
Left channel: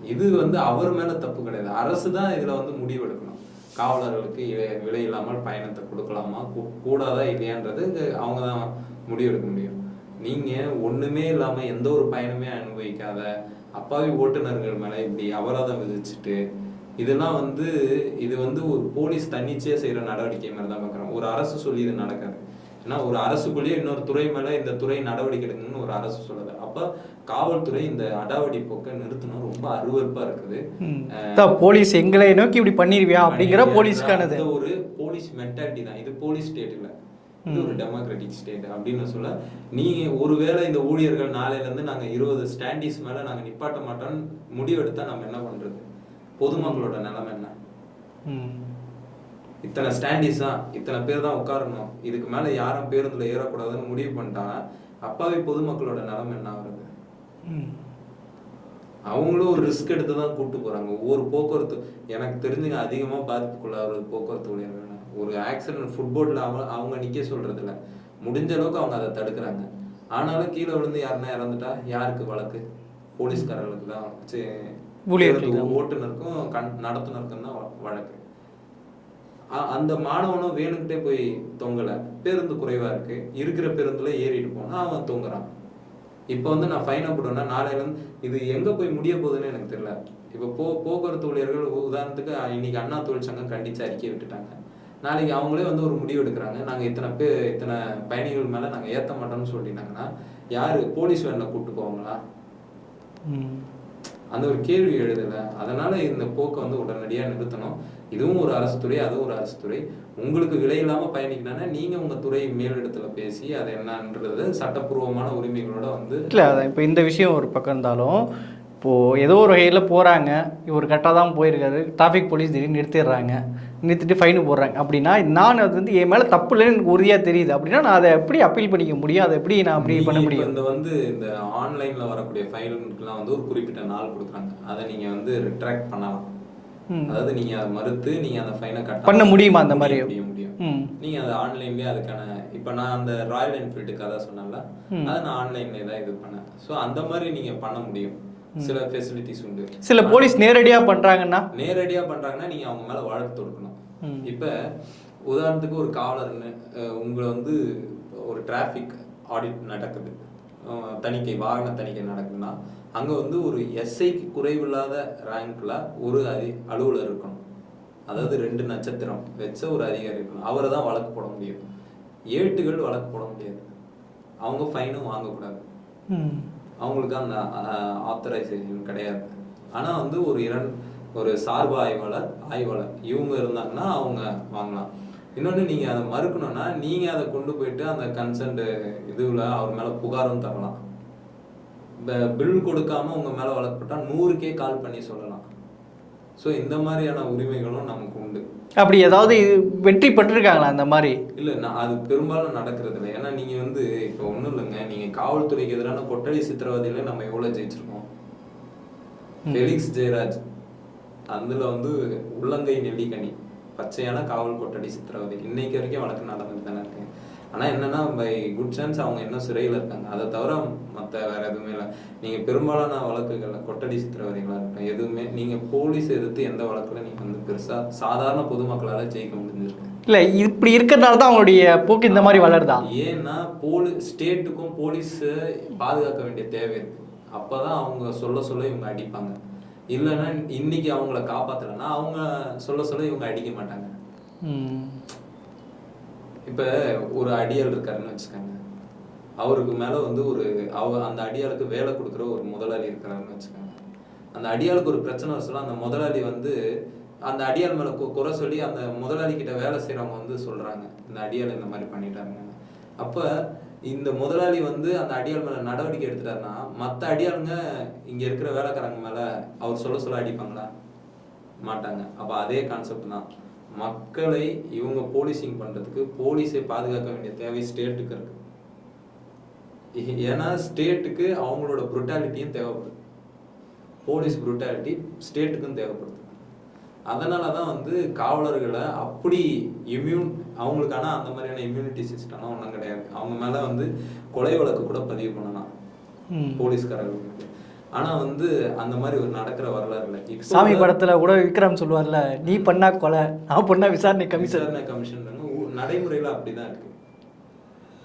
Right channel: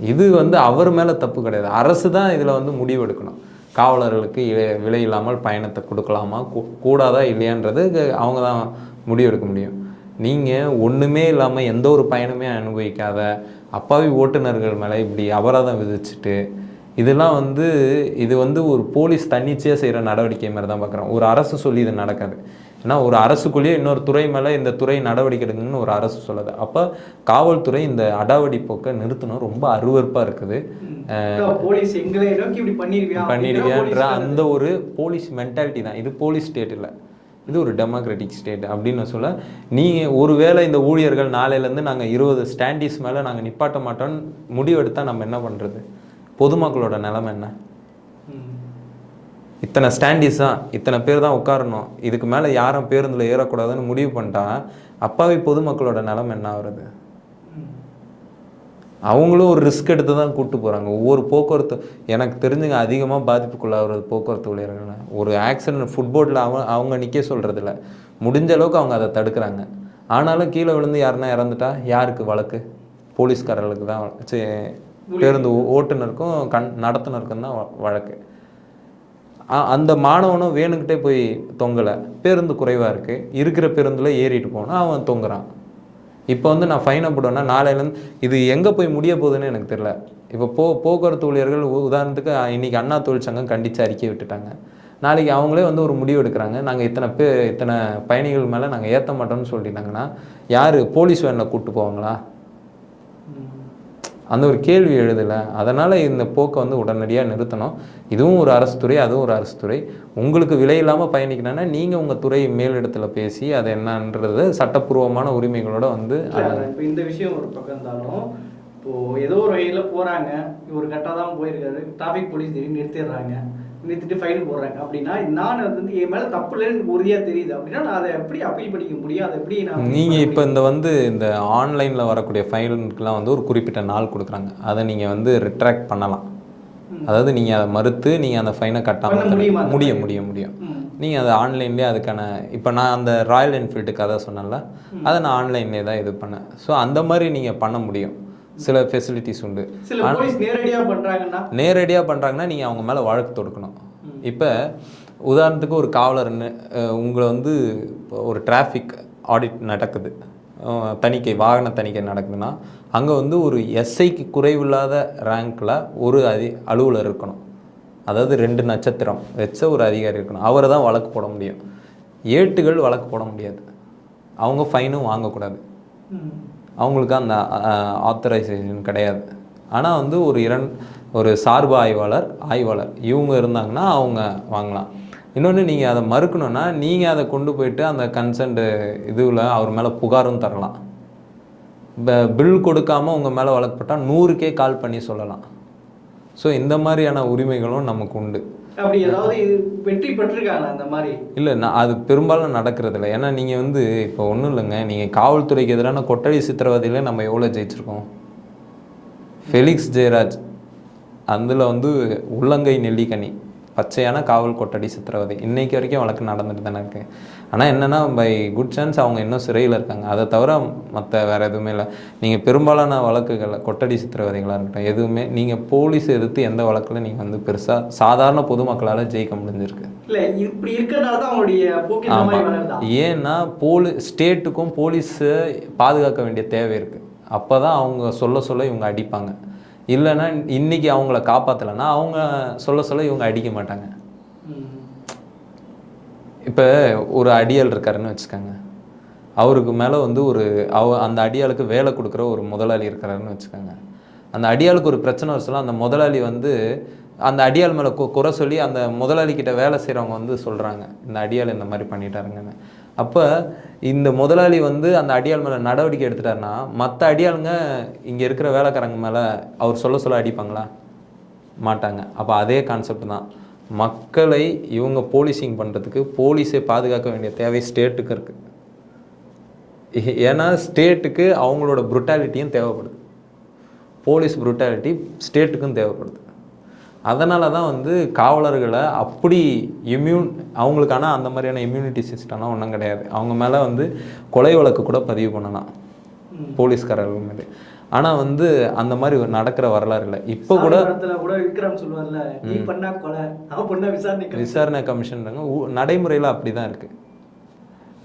இது வந்து அவர் மேலே தப்பு கிடையாது. அரசு தான் இதில் வந்து முடிவெடுக்கணும். காவலர்களுக்கு இ- விலை இல்லாமல் பயணத்தை கொடுக்கலாமா? கூடாதா இல்லையான்றது அவங்க தான் முடிவெடுக்க முடியும். நீங்கள் ஒன்றுமே இல்லாமல் எந்த ஒரு பயணமே அனுபவிக்காத அப்பாவி ஓட்டுநர்கள் மேலே இப்படி அபராதம் விதிச்சுட்டு இதெல்லாம் வந்து இது வந்து ஒரு போலீஸ் தன்னிச்சையாக செய்கிற நடவடிக்கை மாதிரி தான் பார்க்குறோம் ஒரு அரசு சொல்லி இது நடக்காது. ஏன்னா ஒரு அரசுக்குள்ளேயே இன்னொரு துறை மேலே இந்த துறை நடவடிக்கை எடுக்கணும்னு ஒரு அரசு சொல்லுது. அப்போ காவல்துறை இந்த அடாவடி போக்கை நிறுத்தணும். ரொம்ப அருவருப்பாக இருக்குது. போலீஸ் எங்களை நோக்கி இப்படி பண்ணிருவியா அப்படிங்கிற போலீஸ்க்கானது அந்த ஒரு போலீஸ் மென்டாலிட்டி தான். இது போலீஸ் ஸ்டேட் இல்லை. இது ஒரு டெமோக்ராட்டிக் ஸ்டேட் அப்படின்னு சொல்ல நீங்கள் ஒருவேளை இந்த ஊழியர்கள் நாளையிலேருந்து நாங்கள் இருபது ஸ்டாண்டீஸ் மேலே நாங்கள் நிப்பாட்ட மாட்டோம்னு முடிவெடுத்தால் நம்ம என்ன பண்ணுறது பொதுமக்களோட நிலைமை என்ன. இத்தனை ஸ்டாண்டீஸ் தான் இத்தனை பேர் தான் உட்காரணும் இதுக்கு மேலே யாரும் பேருந்தில் ஏறக்கூடாதுன்னு முடிவு பண்ணிட்டா அப்பாவி பொதுமக்களோட நிலைமை என்ன ஆகுறது. அவங்களும் ஒரு ரிஸ்க் எடுத்து தான் கூட்டு போகிறாங்க ஒவ்வொரு போக்குவரத்து எனக்கு தெரிஞ்சுங்க அதிகமாக பாதிப்புக்குள்ளாகிறது போக்குவரத்து ஊழியர்கள் ஒரு ஆக்சிடென்ட் ஃபுட்போர்டில் அவங்க அவங்க நிற்க சொல்கிறதில்ல முடிஞ்ச அளவுக்கு அவங்க அதை தடுக்கிறாங்க. ஆனாலும் கீழே விழுந்து யாருன்னா இறந்துட்டா? யாருக்கு? வழக்கு? போலீஸ்காரர்களுக்கு தான். பேருந்து ஓட்டுநருக்கும் கண் நடத்துனருக்கும் தான் வழக்கு. அந்த மாணவனும் வேணுக்கிட்டே போய் தொங்கலை. பேருந்து குறைவாக இருக்குது இருக்கிற பேருந்தில் ஏறிட்டு போனால் அவன் தொங்குறான். இப்போ வந்து நான் ஃபைனை போடுவேன்னா நாளையிலேருந்து இது எங்கே போய் முடிய போகுதுன்னு எனக்கு தெரியல. இப்போ போ போக்குவரத்து ஊழியர்கள் உதாரணத்துக்கு இன்றைக்கி இன்னைக்கு அண்ணா தொழிற்சங்கம் கண்டித்து அறிக்கை விட்டுட்டாங்க. நாளைக்கு அவங்களே வந்து ஒரு முடிவு எடுக்கிறாங்க. நாங்கள் இத்தனை பேர் இத்தனை பயணிகள் மேலே நாங்கள் ஏற்ற மாட்டோம்னு சொல்லிட்டாங்கன்னா யார்? போலீஸ் வேனில் கூப்பிட்டு போவாங்களா? ம். அந்த ஒரு கேள்வி எழுதலை. அதனால் இந்த போக்கை வந்து உடனடியாக நிறுத்தணும். இதுவும் ஒரு அரசு துறை அதுவும் ஒரு அரசு துறை. உங்களுக்கு விலை இல்லாமல் பயணிக்கணும்னா நீங்கள் உங்கள் துறை மேலிடத்தில் பேசி அது என்னன்றது சட்டப்பூர்வமான உரிமைகளோட வந்து இல்லை இப்போ இந்த விஷயம் ஒரு பக்கம் இருந்தாலும் இப்போது ஏதோ ஒரு வகையில் போகிறாங்க இவர் கரெக்டாக தான் போயிருக்காரு. டிராஃபிக் போலீஸ் திடீர்னு நிறுத்திடுறாங்க. நிறுத்திட்டு ஃபைனு போடுறாங்க. அப்படின்னா நான் அது வந்து என் மேலே தப்பு இல்லைன்னு எனக்கு உறுதியாக தெரியுது. அப்படின்னா நான் அதை எப்படி அப்பீல் பண்ணிக்க முடியும்? அதை எப்படி நான் நீங்கள் இப்போ? இந்த வந்து இந்த ஆன்லைனில் வரக்கூடிய ஃபைலுக்கெலாம் வந்து ஒரு குறிப்பிட்ட நாள் கொடுக்குறாங்க. அதை நீங்கள் வந்து ரிட்ராக்ட் பண்ணலாம். அதாவது நீங்கள் அதை மறுத்து நீங்கள் அந்த ஃபைனை கட்ட பண்ண முடியுமா அந்த முடியும் மாதிரி? முடியும் முடியும். நீங்கள் அதை ஆன்லைன்லேயே அதுக்கான இப்போ நான் அந்த ராயல் என்ஃபீல்டு கதை சொன்னேன்ல அதை நான் ஆன்லைன்லேயே தான் இது பண்ணேன். ஸோ அந்த மாதிரி நீங்கள் பண்ண முடியும். சில ஃபெசிலிட்டிஸ் உண்டு. சில போலீஸ் நேரடியாக பண்ணுறாங்கன்னா நேரடியாக பண்ணுறாங்கன்னா நீங்கள் அவங்க மேலே வழக்கு தொடுக்கணும். இப்போ உதாரணத்துக்கு ஒரு காவலர்னு உங்களை வந்து இப்போ ஒரு டிராஃபிக் ஆடிட் நடக்குது. தணிக்கை வாகன தணிக்கை நடக்குதுன்னா அங்கே வந்து ஒரு எஸ்ஐக்கு குறைவில்லாத ரேங்க்கில் ஒரு அதி அலுவலர் இருக்கணும். அதாவது ரெண்டு நட்சத்திரம். வச்ச ஒரு அதிகாரி இருக்கணும். அவரை தான் வழக்கு போட முடியும். ஏட்டுகள் வழக்கு போட முடியாது. அவங்க ஃபைனும் வாங்கக்கூடாது. அவங்களுக்கு அந்த ஆத்தரைசேஷன் கிடையாது. ஆனால் வந்து ஒரு இரண் ஒரு சார்பு ஆய்வாளர் ஆய்வாளர் இவங்க இருந்தாங்கன்னா அவங்க வாங்கலாம். இன்னொன்று நீங்கள் அதை மறுக்கணும்னா நீங்கள் அதை கொண்டு போயிட்டு அந்த கன்சென்ட் இதுவில் அவர் மேலே புகாரும் தரலாம். பில் கொடுக்காம உங்கள் மேலே வழக்கப்பட்டால் நூறுக்கே கால் பண்ணி சொல்லலாம். ஸோ இந்த மாதிரியான உரிமைகளும் நமக்கு உண்டு. அப்படி ஏதாவது வெற்றி பெற்றிருக்காங்களா அந்த மாதிரி? இல்லை நான் அது பெரும்பாலும் நடக்கிறது இல்லை ஏன்னா நீங்கள் வந்து இப்போ ஒன்றும் இல்லைங்க. நீங்கள் காவல்துறைக்கு எதிரான கொட்டடி சித்திரவதையில நம்ம எவ்வளோ ஜெயிச்சிருக்கோம்? ஃபெலிக்ஸ் ஜெயராஜ் அதில் வந்து உள்ளங்கை நெல்லிக்கனி. பச்சையான காவல் கொட்டடி சித்திரவதை. இன்னைக்கு வரைக்கும் வழக்கு நடந்துட்டு தானே இருக்கு. ஆனால் என்னன்னா பை குட் சான்ஸ் அவங்க இன்னும் சிறையில் இருக்காங்க. அதை தவிர மற்ற வேற எதுவுமே இல்லை. நீங்கள் பெரும்பாலான வழக்குகள் கொட்டடி சித்திரவதைகளாக இருக்கட்டும் எதுவுமே நீங்கள் போலீஸ் எதிர்த்து எந்த வழக்கில் நீங்கள் வந்து பெருசாக சாதாரண பொதுமக்களால் ஜெயிக்க முடிஞ்சிருக்கு. இல்லை இப்படி இருக்கிறதுனால தான் அவங்களுடைய போக்கு இந்த மாதிரி. வளருதா? ஏன்னா போலி ஸ்டேட்டுக்கும் போலீஸை பாதுகாக்க வேண்டிய தேவை இருக்கு. அப்பதான் அவங்க சொல்ல சொல்ல இவங்க அடிப்பாங்க. இல்லைன்னா இன்னைக்கு அவங்கள காப்பாத்தலைன்னா அவங்க சொல்ல சொல்ல இவங்க அடிக்க மாட்டாங்க. இப்போ ஒரு அடியாள் இருக்காருன்னு வச்சுக்கோங்க. அவருக்கு மேலே வந்து ஒரு அவ அந்த அடியாளுக்கு வேலை கொடுக்குற ஒரு முதலாளி இருக்கிறாருன்னு வச்சுக்கோங்க. அந்த அடியாளுக்கு ஒரு பிரச்சனை வச்சுலாம் அந்த முதலாளி வந்து அந்த அடியாள் மேலே குறை சொல்லி அந்த முதலாளி கிட்ட வேலை செய்கிறவங்க வந்து சொல்கிறாங்க இந்த அடியாள் இந்த மாதிரி பண்ணிட்டாருங்கன்னு. அப்போ இந்த முதலாளி வந்து அந்த அடியாள் மேலே நடவடிக்கை எடுத்துட்டாருன்னா மற்ற அடியாளுங்க இங்கே இருக்கிற வேலைக்காரங்க மேலே அவர் சொல்ல சொல்ல அடிப்பாங்களா? மாட்டாங்க. அப்போ அதே கான்செப்ட் தான். மக்களை இவங்க போலீசிங் பண்ணுறதுக்கு போலீஸை பாதுகாக்க வேண்டிய தேவை ஸ்டேட்டுக்கு இருக்குது ஏன்னா ஸ்டேட்டுக்கு அவங்களோட புருட்டாலிட்டியும் தேவைப்படுது. போலீஸ் புருட்டாலிட்டி ஸ்டேட்டுக்கும் தேவைப்படுது. அதனால தான் வந்து காவலர்களை அப்படி இம்யூன் அவங்களுக்கான அந்த மாதிரியான இம்யூனிட்டி சிஸ்டம்லாம் ஒன்றும் கிடையாது. அவங்க மேலே வந்து கொலை வழக்கு கூட பதிவு பண்ணலாம். போலீஸ்காரர்கள் மேலே. ஆனால் வந்து அந்த மாதிரி ஒரு நடக்கிற வரலாறு இல்லை. இப்போ சாமி படத்துல கூட விக்ரம் சொல்லுவார்ல நீ பண்ணா கொலை நான் பண்ணா விசாரணை கமிஷன் விசாரணை கமிஷன் நடைமுறையில் அப்படி தான் இருக்குது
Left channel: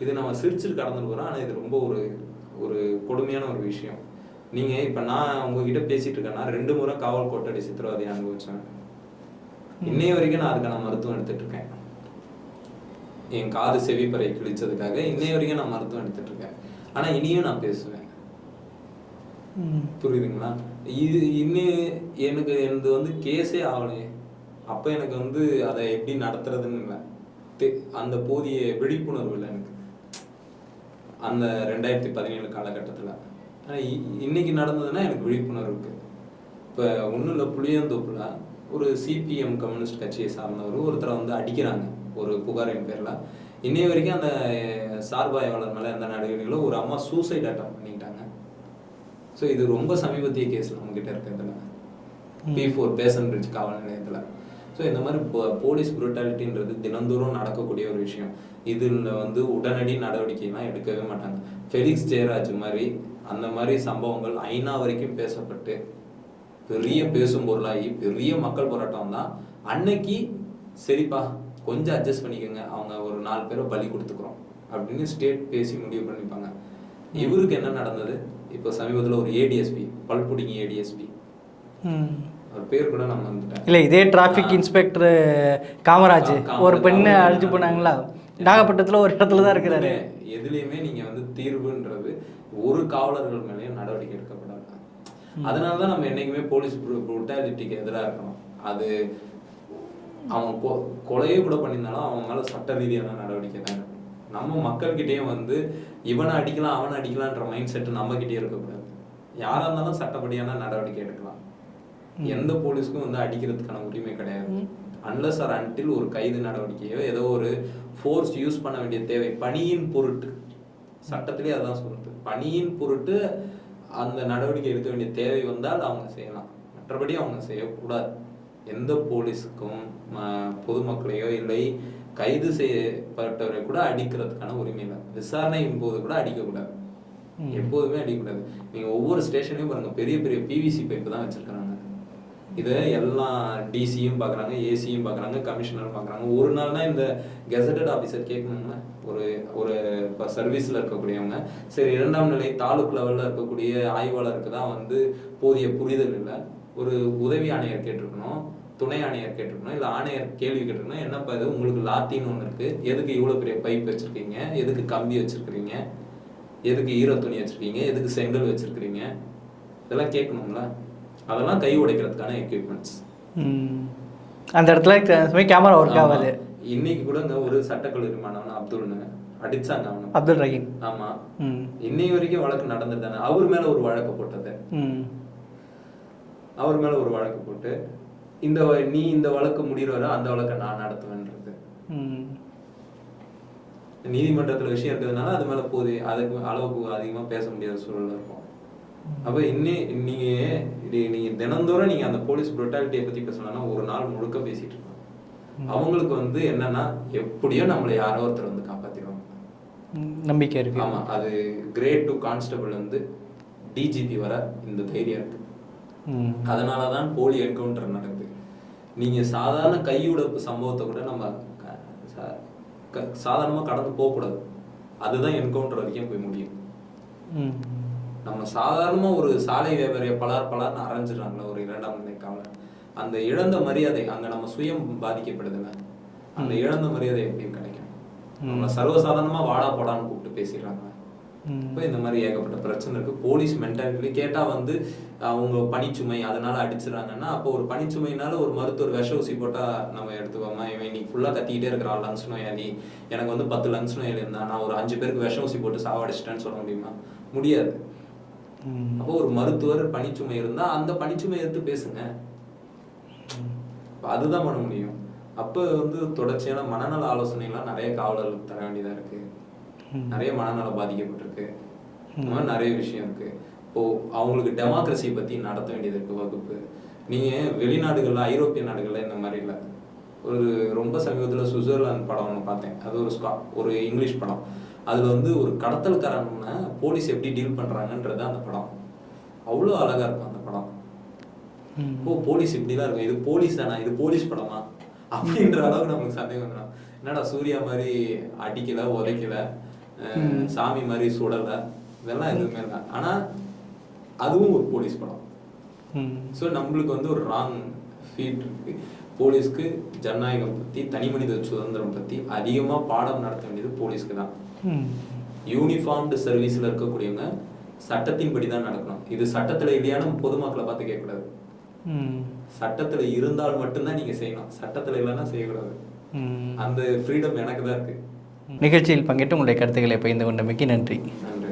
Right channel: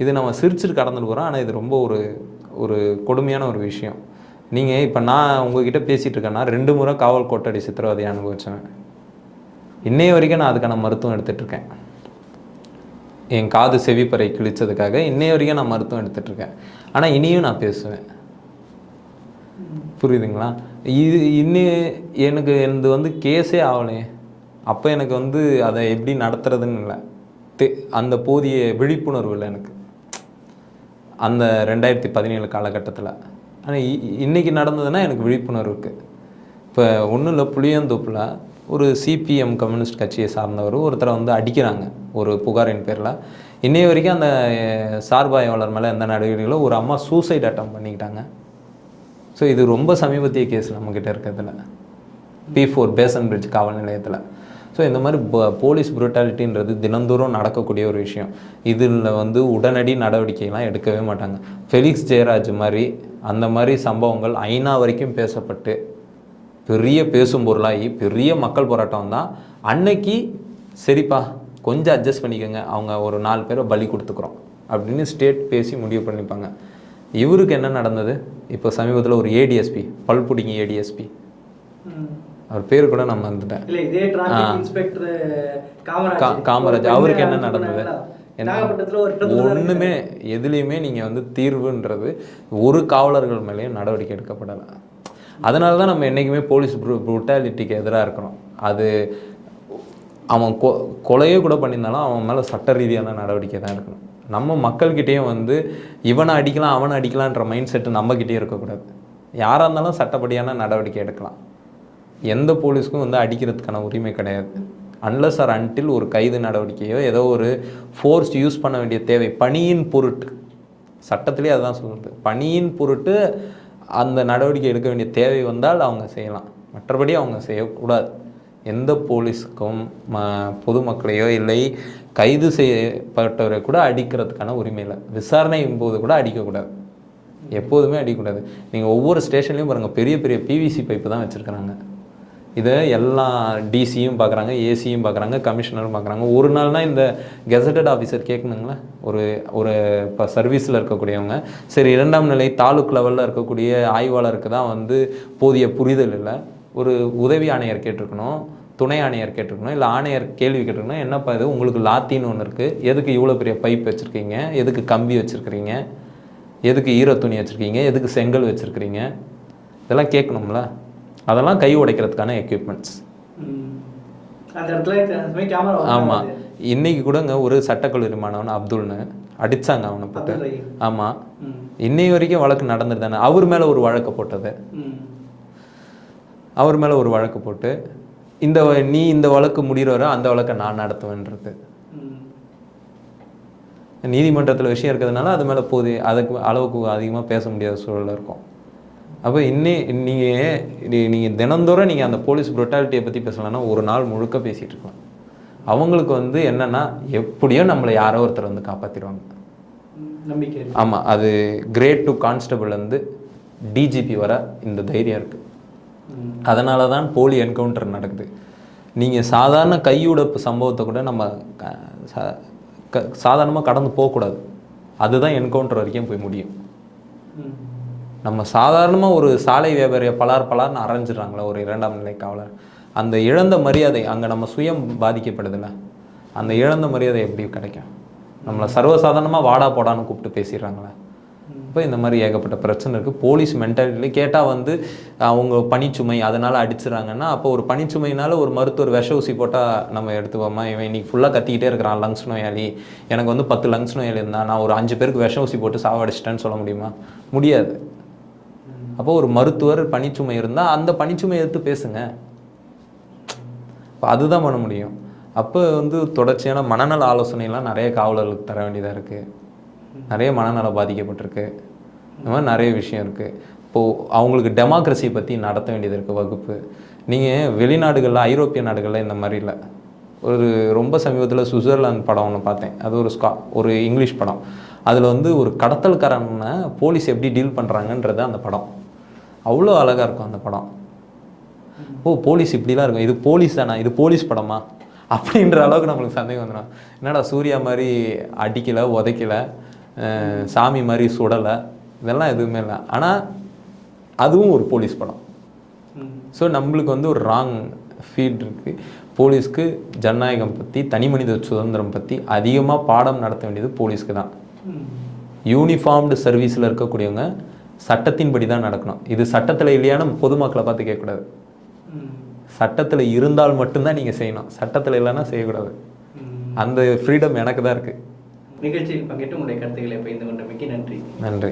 இது நம்ம சிரிச்சுட்டு கடந்துட்டு போகிறோம் ஆனால் இது ரொம்ப ஒரு ஒரு கொடுமையான ஒரு விஷயம். நீங்கள் இப்போ நான் உங்ககிட்ட பேசிகிட்டு இருக்கேன்னா ரெண்டு முறை காவல் கோட்டடி சித்திரவதை அனுபவிச்சேன் இன்னைய வரைக்கும் நான் அதுக்கான மருத்துவம் எடுத்துட்டு இருக்கேன் என் காது செவிப்பறை கிழிச்சதுக்காக இன்னைய வரைக்கும் நான் மருத்துவம் எடுத்துட்டு இருக்கேன் ஆனால் இனியும் நான் பேசுவேன். புரியுதுங்களா? இது இன்னும் எனக்கு எனது வந்து கேஸே ஆகலையே அப்போ எனக்கு வந்து அதை எப்படி நடத்துறதுன்னு இல்லை. அந்த போதிய விழிப்புணர்வு இல்லை எனக்கு. அந்த ரெண்டாயிரத்தி பதினேழு காலகட்டத்தில். ஆனால் இன்னைக்கு நடந்ததுன்னா எனக்கு விழிப்புணர்வு இருக்குது இப்போ ஒன்றும் இல்லை புளியந்தோப்பில் ஒரு சிபிஎம் கம்யூனிஸ்ட் கட்சியை சார்ந்தவர் ஒருத்தரை வந்து அடிக்கிறாங்க. ஒரு புகாரின் பேரில். இன்னைய வரைக்கும் அந்த சார்பாய்வாளர் மேலே எந்த நடவடிக்கைகளோ ஒரு அம்மா சூசைட் அட்டம் பண்ணிக்கிட்டாங்க. ஸோ இது ரொம்ப சமீபத்திய கேஸ் நம்மக்கிட்ட இருக்கிறதுல. பி ஃபோர் பேசன் பிரிட்ஜ் காவல் நிலையத்தில். ஸோ இந்த மாதிரி போலீஸ் புரட்டாலிட்டின்றது தினந்தோறும் நடக்கக்கூடிய ஒரு விஷயம். இதில் வந்து உடனடி நடவடிக்கைலாம் எடுக்கவே மாட்டாங்க. ஃபெலிக்ஸ் ஜெயராஜ் மாதிரி அந்த மாதிரி சம்பவங்கள் ஐநா வரைக்கும் பேசப்பட்டு பெரிய பேசும் பொருளாகி பெரிய மக்கள் போராட்டம் தான் அன்னைக்கு சரிப்பா கொஞ்சம் அட்ஜஸ்ட் பண்ணிக்கோங்க. அவங்க ஒரு நாலு பேரை பலி கொடுத்துக்குறோம். அப்படின்னு ஸ்டேட் பேசி முடிவு பண்ணிப்பாங்க. இவருக்கு என்ன நடந்தது? இப்போ சமீபத்தில் ஒரு ஏடிஎஸ்பி பல்புடிங்கி ஏடிஎஸ்பி. அவர் பேர் கூட நான் மறந்துட்டேன். இல்ல இதே டிராஃபிக் இன்ஸ்பெக்டர் காமராஜ். காமராஜ். நாகப்பட்டினத்துல ஒரு இடத்துல தான் இருக்குது ஒண்ணுமே எதுலேயுமே நீங்கள் வந்து தீர்வுன்றது ஒரு காவலர்கள் மேலேயும் நடவடிக்கை எடுக்கப்படலை. அதனால தான் நம்ம என்றைக்குமே போலீஸ் ப்ரூட்டாலிட்டிக்கு எதிராக இருக்கணும். அது அவன் கொ கொலையே கூட பண்ணியிருந்தாலும் அவன் மேலே சட்ட ரீதியான நடவடிக்கை தான் இருக்கணும் நம்ம மக்கள்கிட்டேயும் வந்து இவனை அடிக்கலாம் அவனை அடிக்கலான்ற மைண்ட் செட்டு நம்மக்கிட்டே இருக்கக்கூடாது. யாராக இருந்தாலும் சட்டப்படியான நடவடிக்கை எடுக்கலாம். எந்த போலீஸ்க்கும் வந்து அடிக்கிறதுக்கான உரிமை கிடையாது. அன்லஸ் ஆர் அன்டில் ஒரு கைது நடவடிக்கையோ ஏதோ ஒரு ஃபோர்ஸ் யூஸ் பண்ண வேண்டிய தேவை. பணியின் பொருட்டு. சட்டத்திலே அதுதான் சொல்லுது பணியின் பொருட்டு அந்த நடவடிக்கை எடுக்க வேண்டிய தேவை வந்தால் அவங்க செய்யலாம். மற்றபடி அவங்க செய்யக்கூடாது. எந்த போலீஸுக்கும் ம பொதுமக்களையோ இல்லை கைது செய்யப்பட்டவரை கூட அடிக்கிறதுக்கான உரிமை இல்லை. விசாரணையின் போது கூட அடிக்கக்கூடாது. எப்போதுமே அடிக்கக்கூடாது. நீங்கள் ஒவ்வொரு ஸ்டேஷன்லையும் பாருங்கள் பெரிய பெரிய பிவிசி பைப்பு தான் வச்சுருக்கிறாங்க. இதை எல்லா டிசியும் பார்க்குறாங்க ஏசியும் பார்க்குறாங்க கமிஷனரும் பார்க்குறாங்க. ஒரு நாள்னா இந்த கெசட்டட் ஆஃபீஸர் கேட்கணுங்களா ஒரு ஒரு இப்போ சர்வீஸில் இருக்கக்கூடியவங்க. சரி இரண்டாம் நிலை தாலுக் லெவலில் இருக்கக்கூடிய ஆய்வாளருக்கு தான் வந்து போதிய புரிதல் இல்லை. ஒரு உதவி ஆணையர் கேட்டிருக்கணும் துணை ஆணையர் கேட்டிருக்கணும் இல்லை ஆணையர் கேள்வி கேட்டிருக்கணும் என்னப்பா இது? உங்களுக்கு லாத்தின்னு ஒன்று இருக்குது எதுக்கு இவ்வளோ பெரிய பைப் வச்சுருக்கீங்க? எதுக்கு கம்பி வச்சுருக்கிறீங்க? எதுக்கு ஈர துணி வச்சுருக்கீங்க? எதுக்கு செங்கல் வச்சுருக்கிறீங்க? இதெல்லாம் கேட்கணும்ல. அதெல்லாம் கை உடைக்கிறதுக்கான எக்யூப்மெண்ட்ஸ். அந்த இடத்துல கேமரா ஆமாம் இன்னைக்கு கூடங்க ஒரு சட்டக்கல்லூரி மாணவன் அப்துல்னு அடிச்சாங்க அவனை அப்துல் ரஹீம். ஆமாம் ம். இன்னைய வரைக்கும் வழக்கு நடந்துட்டு தானே. அவர் மேலே ஒரு வழக்கு போட்டது. அவர் மேலே ஒரு வழக்கு போட்டு இந்த நீ இந்த வழக்கு முடிகிற வரை அந்த வழக்கை நான் நடத்துவேன்றது. நீதிமன்றத்தில் விஷயம் இருக்கிறதுனால அது மேலே போதி அதுக்கு அளவுக்கு அதிகமாக பேச முடியாத சூழலில் இருக்கும். அப்போ இன்னி நீங்கள் நீங்கள் தினந்தோறும் நீங்கள் அந்த போலீஸ் புரட்டாலிட்டியை பற்றி பேசலாம்னா ஒரு நாள் முழுக்க பேசிகிட்டு இருக்கலாம். அவங்களுக்கு வந்து என்னன்னா எப்படியோ நம்மளை யாரோ ஒருத்தர் வந்து காப்பாற்றிடுவாங்க. நம்பிக்கை இருக்கு. ஆமாம் அது கிரேட் டு கான்ஸ்டபிள் வந்து டிஜிபி வர இந்த தைரியம் இருக்குது அதனால தான் போலி என்கவுண்டர் நடக்குது. நீங்கள் சாதாரண கையுடப்பு சம்பவத்தை கூட நம்ம சாதாரணமாக கடந்து போகக்கூடாது. அதுதான் என்கவுண்டர் வரைக்கும் போய் முடியும். நம்ம சாதாரணமாக ஒரு சாலை வியாபாரியை பலார் பலார்னு அரைஞ்சிடுறாங்களே ஒரு இரண்டாம் நிலை காவலர். அந்த இழந்த மரியாதை அங்கே நம்ம சுயம் பாதிக்கப்படுதுல்ல. அந்த இழந்த மரியாதை எப்படி கிடைக்கும்? நம்மளை சர்வசாதாரணமாக வாடா போடான்னு கூப்பிட்டு பேசிடுறாங்களே. இப்போ இந்த மாதிரி ஏகப்பட்ட பிரச்சனை இருக்குது போலீஸ் மென்டாலிட்டி கேட்டால் வந்து அவங்க பணிச்சுமை அதனால் அடிச்சிடறாங்கன்னா அப்போ ஒரு பணிச்சுமைனால ஒரு மருத்துவர் விஷ ஊசி போட்டால் நம்ம எடுத்துவோமா இவன் இன்னைக்கு ஃபுல்லாக கத்திக்கிட்டே இருக்கிறான் லங்ஸ் நோயாளி. எனக்கு வந்து பத்து லங்ஸ் நோயாளி இருந்தா நான் ஒரு அஞ்சு பேருக்கு விஷ ஊசி போட்டு சாவடிச்சிட்டேன்னு சொல்ல முடியுமா? முடியாது. அப்போ ஒரு மருத்துவர் பணிச்சுமை இருந்தால் அந்த பணிச்சுமை எடுத்து பேசுங்க. இப்போ அதுதான் பண்ண முடியும். அப்போ வந்து தொடர்ச்சியான மனநல ஆலோசனைலாம் நிறைய காவலர்களுக்கு தர வேண்டியதாக இருக்குது நிறைய மனநலம் பாதிக்கப்பட்டிருக்கு. இந்த மாதிரி நிறைய விஷயம் இருக்குது இப்போது அவங்களுக்கு டெமோக்ரஸி பற்றி நடத்த வேண்டியது இருக்குது வகுப்பு. நீங்கள் வெளிநாடுகளில் ஐரோப்பிய நாடுகளில் இந்த மாதிரி இல்லை. ஒரு ரொம்ப சமீபத்தில் சுவிட்சர்லாந்து படம் ஒன்று பார்த்தேன். அது ஒரு ஸ்கா ஒரு இங்கிலீஷ் படம். அதில் வந்து ஒரு கடத்தல்காரனை போலீஸ் எப்படி டீல் பண்ணுறாங்கன்றது அந்த படம். அவ்வளோ அழகாக இருக்கும் அந்த படம். ஓ போலீஸ் இப்படிலாம் இருக்கும். இது போலீஸ் தானா? இது போலீஸ் படமா? அப்படின்ற அளவுக்கு நம்மளுக்கு சந்தேகம் வந்துடும். என்னடா சூர்யா மாதிரி அடிக்கலை உதைக்கல சாமி மாதிரி சுடலை. இதெல்லாம் எதுவுமே இல்லை. ஆனால் அதுவும் ஒரு போலீஸ் படம். ஸோ நம்மளுக்கு வந்து ஒரு ராங் ஃபீல்ட் இருக்குது போலீஸ்க்கு ஜனநாயகம் பற்றி தனி மனித சுதந்திரம் பற்றி அதிகமாக பாடம் நடத்த வேண்டியது போலீஸ்க்கு தான். யூனிஃபார்ம்டு சர்வீஸில் இருக்கக்கூடியவங்க சட்டத்தின்படி தான் நடக்கணும். இது சட்டத்தில் இல்லையான்னு பொதுமக்களை பார்த்து கேட்கக்கூடாது. சட்டத்தில் இருந்தால் மட்டும்தான் நீங்கள் செய்யணும். சட்டத்தில் இல்லைன்னா செய்யக்கூடாது. அந்த ஃப்ரீடம் எனக்கு தான் இருக்குது நிகழ்ச்சியில் பங்கேற்று உங்களுடைய கருத்துக்களை பகிர்ந்து கொண்டமைக்கு நன்றி. நன்றி.